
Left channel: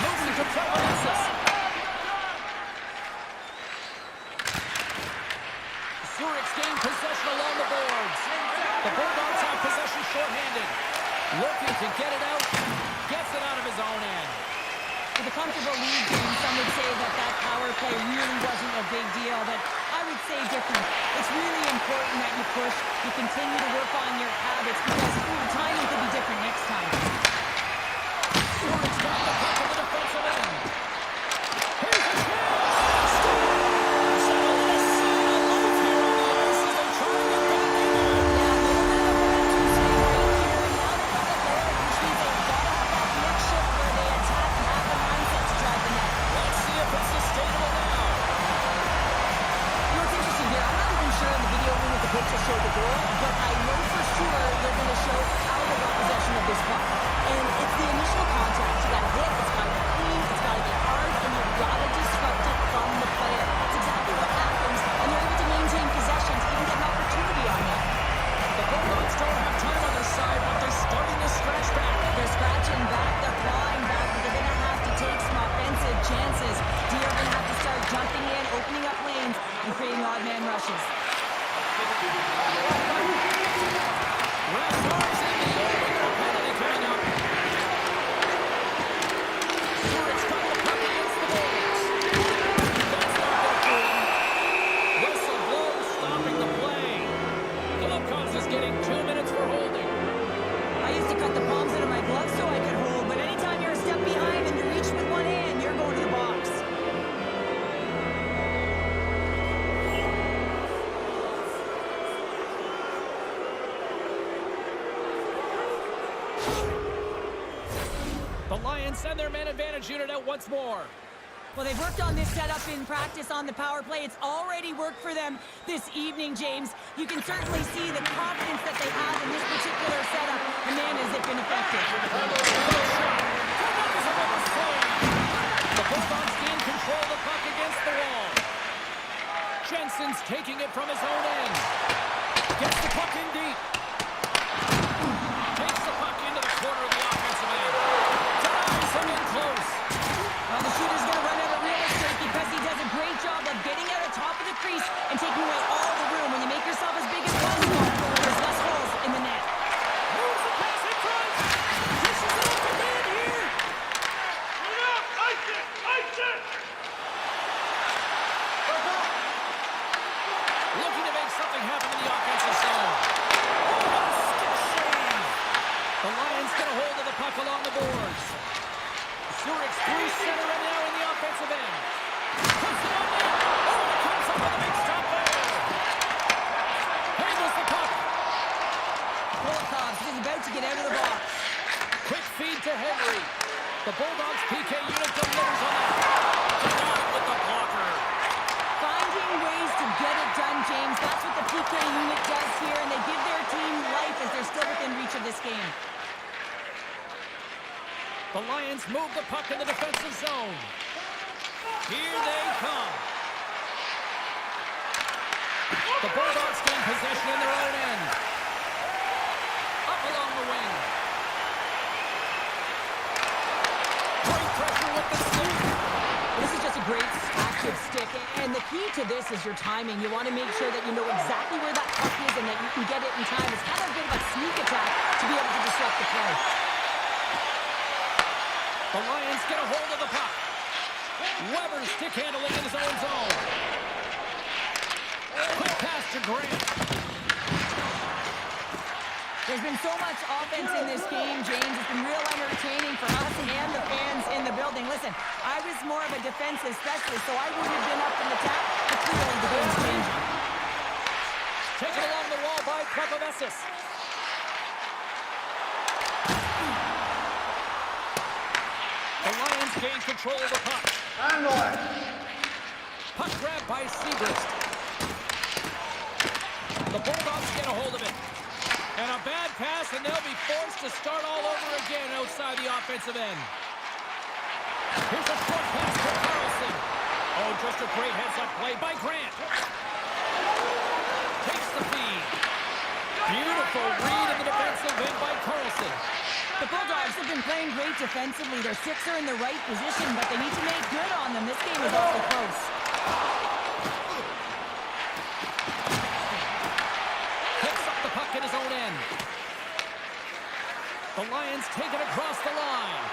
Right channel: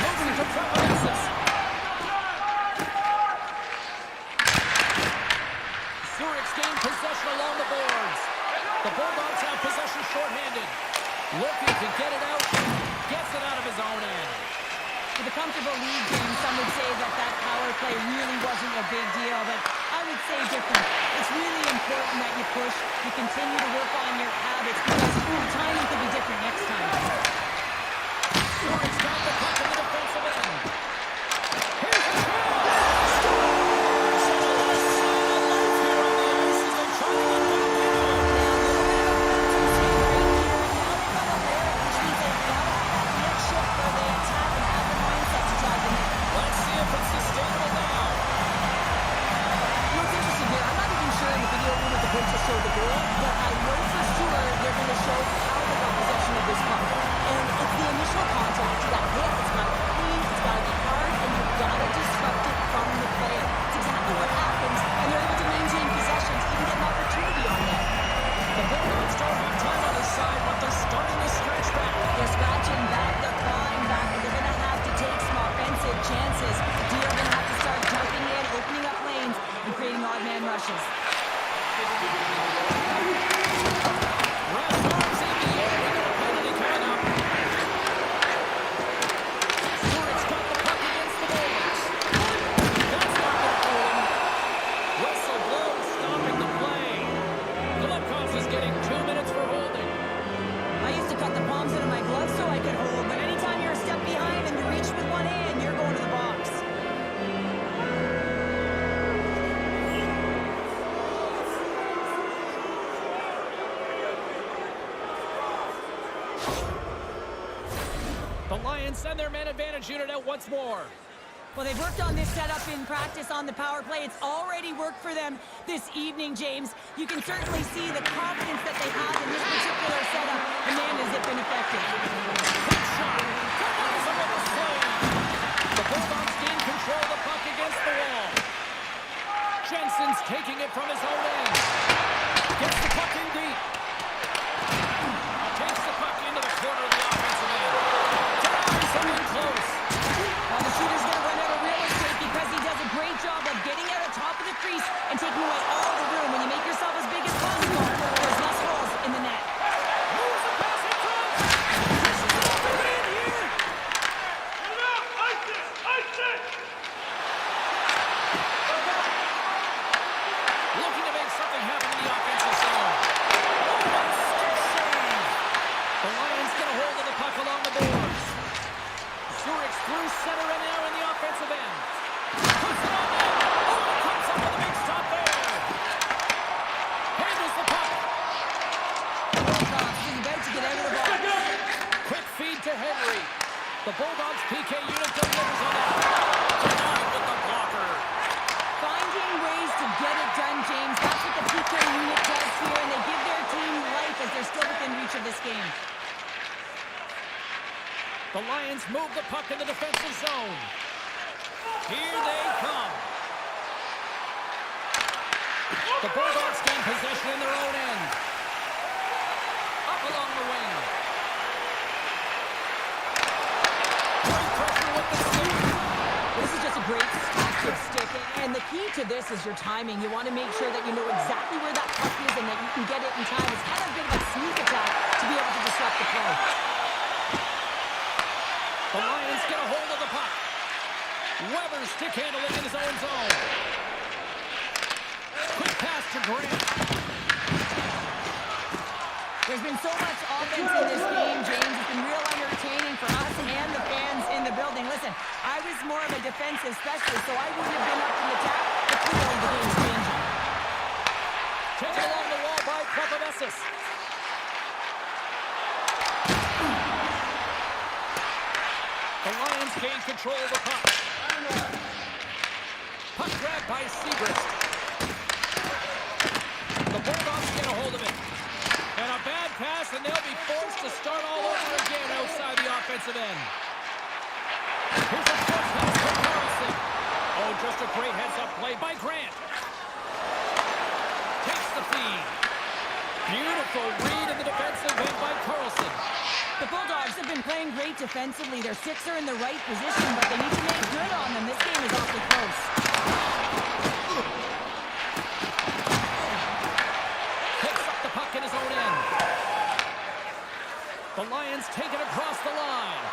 Moving to Trevorens's. Zurich's gained possession along the boards. The Bulldogs have possession shorthanded. Looking to get it out. Gets it out of his own end. With a comfortable lead game, some would say that power play really wasn't a big deal, but I would say different. It's really important that you push, you continue to work on your habits, because the timing could be different next time. Zurich's got the puck in the defensive end. Here's a chance! It's sustainable now. You know, it's interesting here. I'm not even sure in the video room if the coach will show the goal, but I know for sure they're going to show how they got possession of this puck. And it's the initial contact. You got to hit, it's got to be clean, it's got to be hard, and you've got to disrupt it from the player. It's exactly what happens, and they're able to maintain possession to even get an opportunity on that. The Bulldogs don't have time on this side, but they're starting to scratch back. They're scratching back, they're clawing back, but they're going to have to take some offensive chances. They're going to have to start jumping in, opening up lanes, and creating odd man rushes. Ref's arms in the air, we got a penalty coming up. Zurich's got the puck against the boards. That's not going to fool him. Whistle blows, stopping the play. Golovkov's is getting 2 minutes for holding. I used to cut the palms out of my gloves so I could hold, but anytime you're a step behind and you reach with one hand, you're going to the box. The Lions send their man advantage unit out once more. Well, they've worked on this setup in practice on the power play. It's already worked for them this evening, James. You can certainly see the confidence that they have in this particular setup. And man, has it been effective. Good shot. That was a rubber save. The Bulldogs gain control of the puck against the wall. Jensen's taking it from his own end. Gets the puck in deep. Takes the puck into the corner of the offensive end. Denies him in close. Well, the shooter's going to run out of real estate because he does a great job of getting out of top of the crease and taking away all the room. When you make yourself as big as possible, there's less holes in the net. Moves the pass in front. Dishes it off the man here. Get it out! Ice it! Ice it! Looking to make something happen in the offensive zone. Oh, what a stick save. The Lions get a hold of the puck along the boards. Zurich's through center and now in the offensive end. Puts it on net. Oh, and it comes up with a big stop there. Handles the puck. Bulldogs is about to get out of the box. Quick feed to Henry. The Bulldogs PK unit delivers on that. Denied with the blocker. Finding ways to get it done, James. That's what the PK unit does here, and they give their team life as they're still within reach of this game. The Lions move the puck in the defensive zone. Here they come. The Bulldogs gain possession in their own end. Up along the wing. Great pressure with the stick. Well, this is just a great active stick, and the key to this is your timing. You want to make sure that you know exactly where that puck is and that you can get it in time. It's kind of a bit of a sneak attack to be able to disrupt the play. The Lions get a hold of the puck. Weber stick handling in his own zone. Quick pass to Grant. There's been so much offense in this game, James. It's been real entertaining for us and the fans in the building. Listen, I was more of a defensive specialist, so I wouldn't have been up from the top, but clearly the game's changing. Taken along the wall by Prepovesis. The Lions gain control of the puck. Puck grabbed by Segrist. The Bulldogs get a hold of it. And a bad pass, and they'll be forced to start all over again outside the offensive end. Here's a short pass for Carlson. Oh, just a great heads-up play by Grant. Takes the feed. Beautiful read in the defensive end by Carlson. The Bulldogs have been playing great defensively. Their sticks are in the right position, but they need to make good on them. This game is awfully close. In his own end. The Lions take it across the line.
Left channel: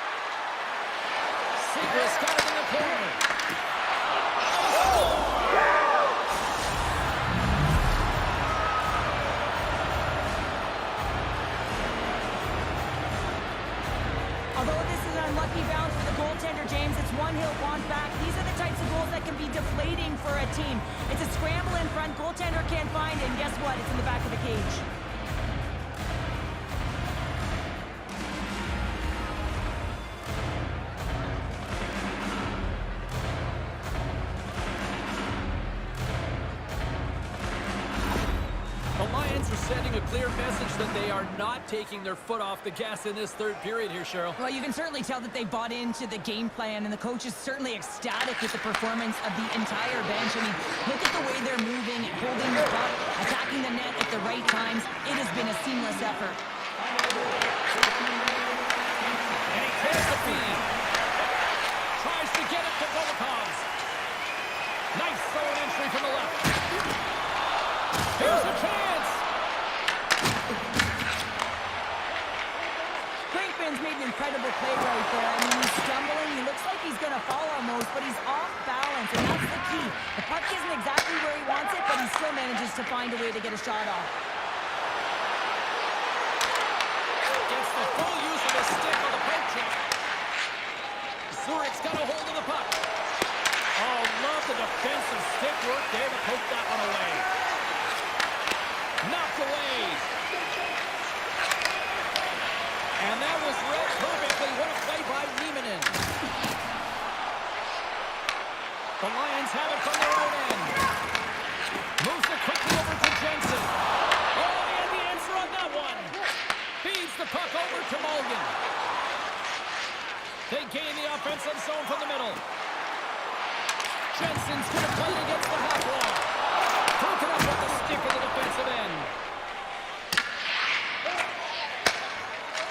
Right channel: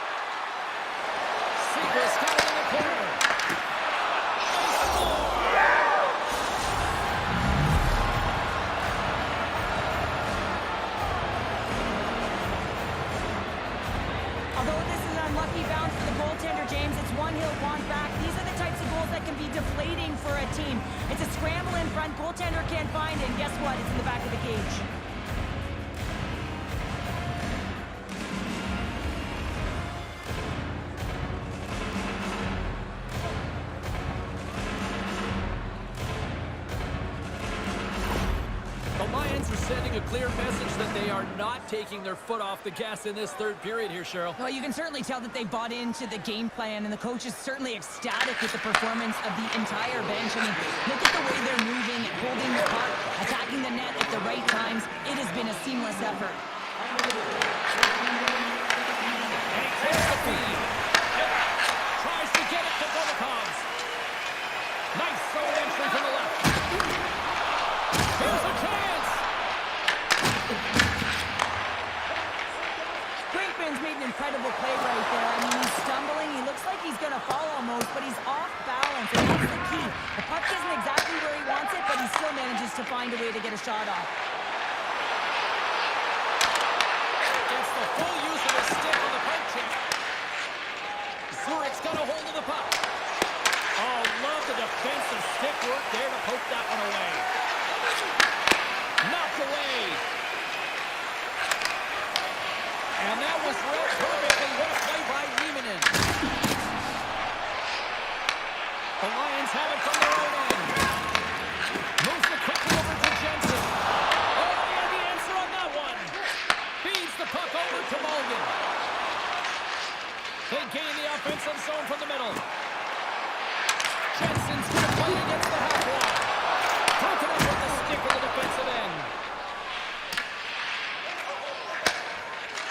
Segrist got it in the corner. They score! Although this is an unlucky bounce for the goaltender, James, it's one he'll want back. These are the types of goals that can be deflating for a team. It's a scramble in front. Goaltender can't find it, and guess what? It's in the back of the cage. Sending a clear message that they are not taking their foot off the gas in this third period here, Cheryl. Well, you can certainly tell that they bought into the game plan, and the coach is certainly ecstatic with the performance of the entire bench. I mean, look at the way they're moving and holding the puck, attacking the net at the right times. It has been a seamless effort. And he takes the feed. Tries to get it to Dolokovs. Nice zone entry from the left. Here's a chance. Brinkman's made an incredible play right there. I mean, he's stumbling. He looks like he's going to fall almost, but he's off balance, and that's the key. The puck isn't exactly where he wants it, but he still manages to find a way to get a shot off. Gets the full use of his stick on the poke check. Zurich's got a hold of the puck. Oh, love the defensive stick work there to poke that one away. Knocked away. And that was read perfectly. What a play by Nieminen. The Lions have it from their own end. Moves it quickly over to Jensen. Oh, he had the answer on that one. Feeds the puck over to Mulligan. They gain the offensive zone from the middle. Jensen's going to play it against the half wall. Broken up with the stick of the defensive end.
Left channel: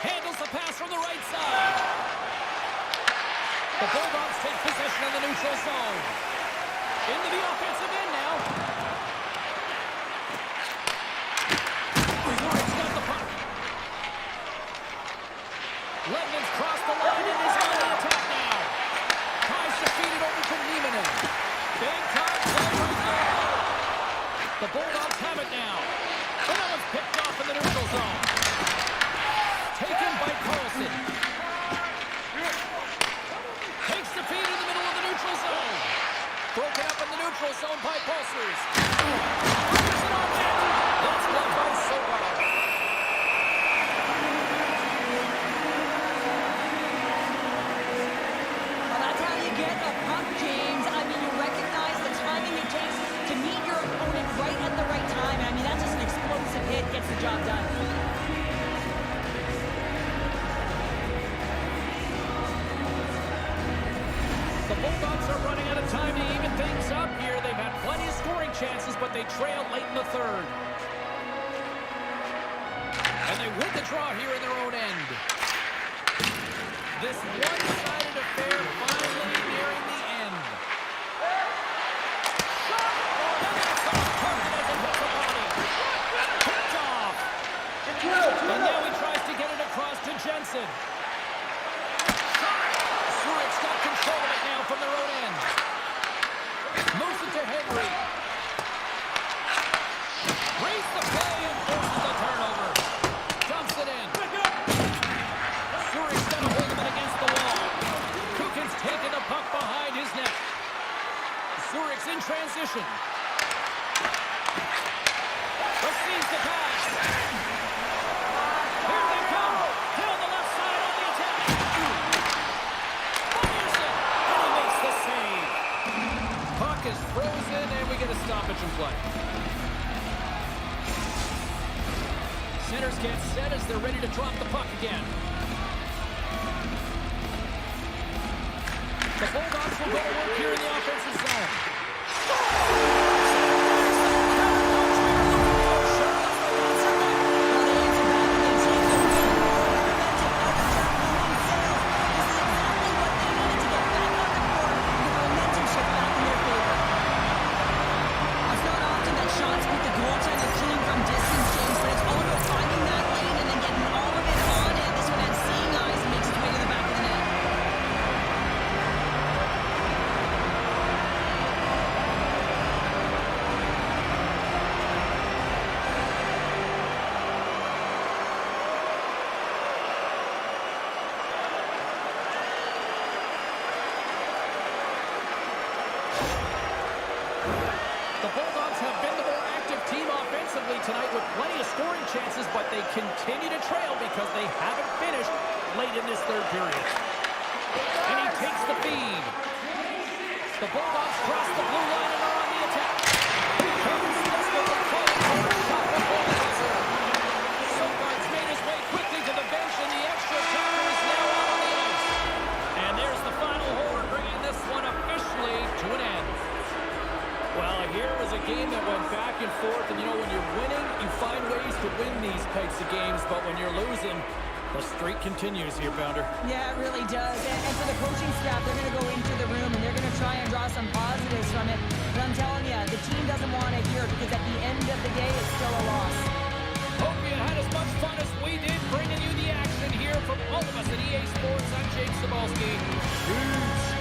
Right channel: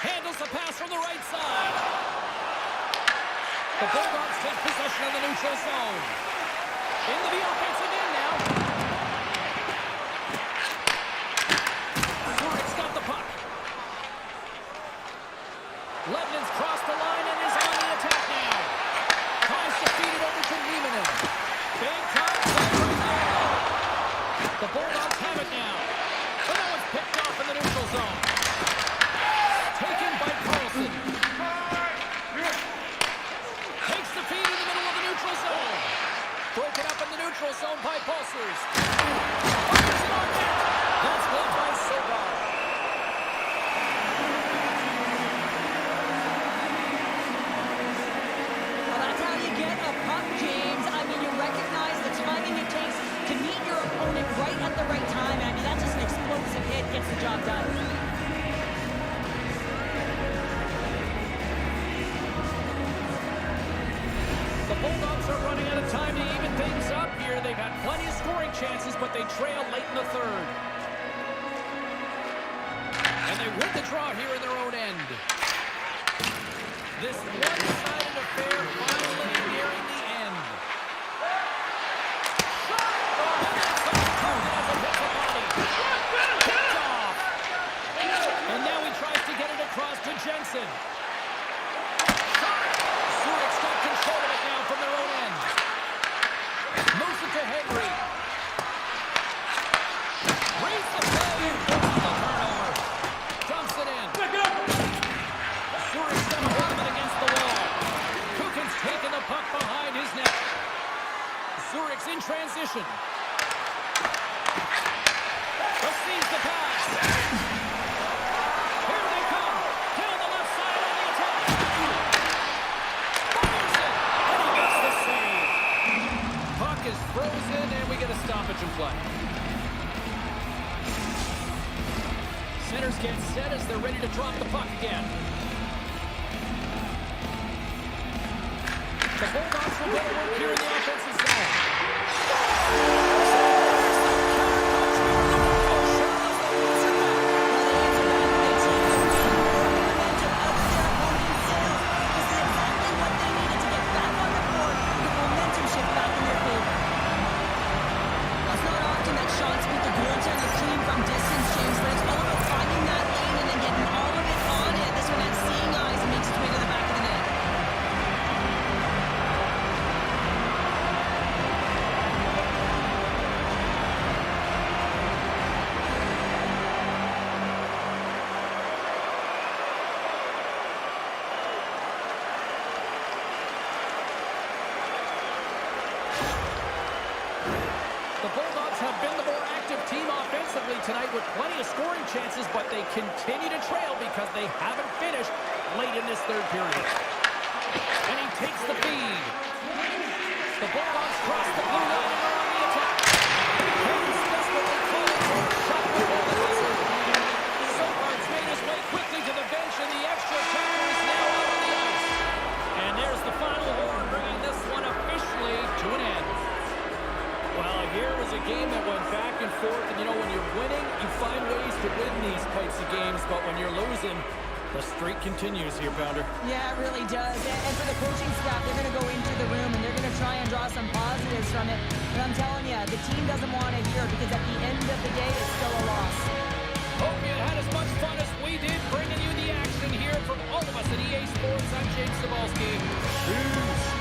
Handles the pass from the right side. The Bulldogs take possession of the neutral zone. Into the offensive end now. Zurich's got the puck. Ledman's crossed the line and is on the attack now. Tries to feed it over to Nieminen. Big time play right there. The Bulldogs have it now. But that one's picked off in the neutral zone. Taken by Carlson. Takes the feed in the middle of the neutral zone. Broken up in the neutral zone by Pulsers. Fires it on net. That's blocked by Sogar. Well, that's how you get a puck, James. I mean, you recognize the timing it takes to meet your opponent right at the right time. I mean, that's just an explosive hit. Gets the job done. The Bulldogs are running out of time to even things up here. They've had plenty of scoring chances, but they trail late in the third. And they win the draw here in their own end. This one-sided affair finally nearing the end. Shot! Oh, and it's on target as it hits the body. Picked off. And now he tries to get it across to Jensen. Zurich's got control of it now from their own end. Moves it to Henry. Reads the play and forces the turnover. puck behind his net. Zurich's in transition. Receives the pass. Here they come. Down the left side on the attack. Fires it. And he makes the save. Puck is frozen, and we get a stoppage in play. Centers get set as they're ready to drop the puck again. The Bulldogs will go to work here in the offensive zone. Shots with the goaltender clean from distance, James, but it's all about finding that lane and then getting all of it on it. This one has seeing eyes and makes its way to the back of the net. The Bulldogs have been the more active team offensively tonight with plenty of scoring chances, but they continue to trail because they haven't finished late in this third period. And he takes the feed. The Bulldogs cross the blue line and are on the attack. He's desperately calling for a shot before the buzzer. Sogard's made his way quickly to the bench, and the extra attacker is now out on the ice. And there's the final horn, bringing this one officially to an end. Well, here was a game that went back and forth, and you know, when you're winning, you find ways to win these types of games, but when you're losing, the streak continues here, Pounder. Yeah, it really does. And for the coaching staff, they're going to go into the room and they're going to try and draw some positives from it. But I'm telling you, the team doesn't want to hear it because at the end of the day, it's still a loss. Hope you had as much fun as we did bringing you the action here from all of us at EA Sports. I'm James Cebulski. Peace.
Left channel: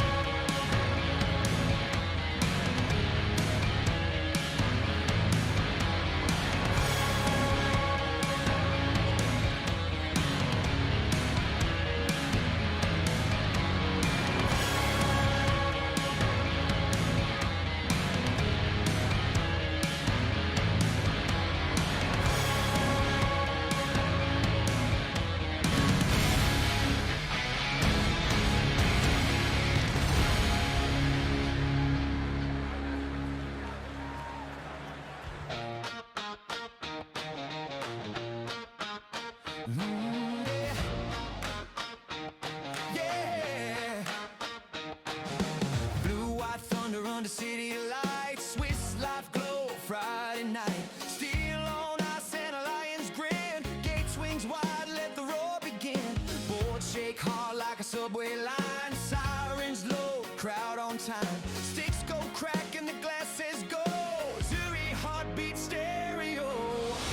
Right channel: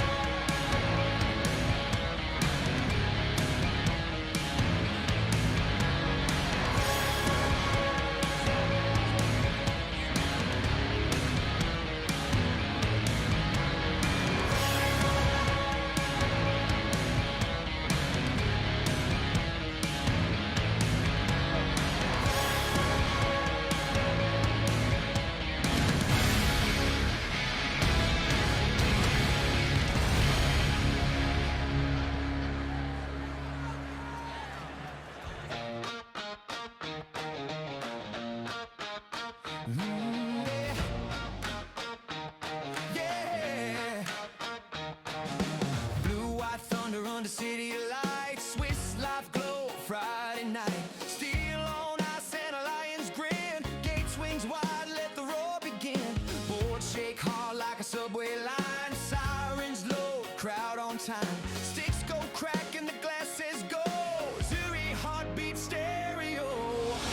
Yeah. Blue, white thunder under city lights. Swiss life glow Friday night. Steel on ice and a lion's grin. Gate swings wide, let the roar begin. Boards shake hard like a subway line. Sirens low, crowd on time. Sticks go crack and the glass says go. Zurich heartbeat stereo.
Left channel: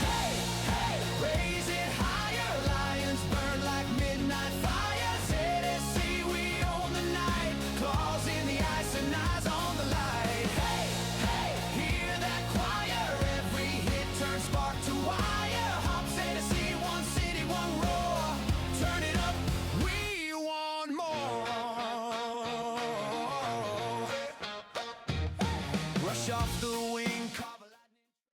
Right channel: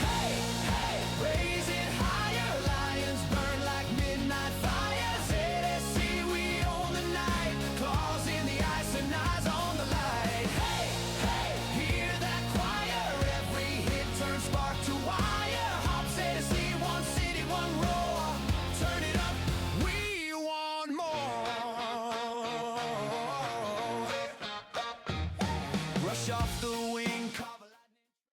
Hey, hey, raise it higher. Lions burn like midnight fire. ZSC, we own the night. Claws in the ice and eyes on the light. Hey, hey, hear that choir. Every hit turns spark to wire. Hops ZSC, one city, one roar. Turn it up, we want more. Rush off the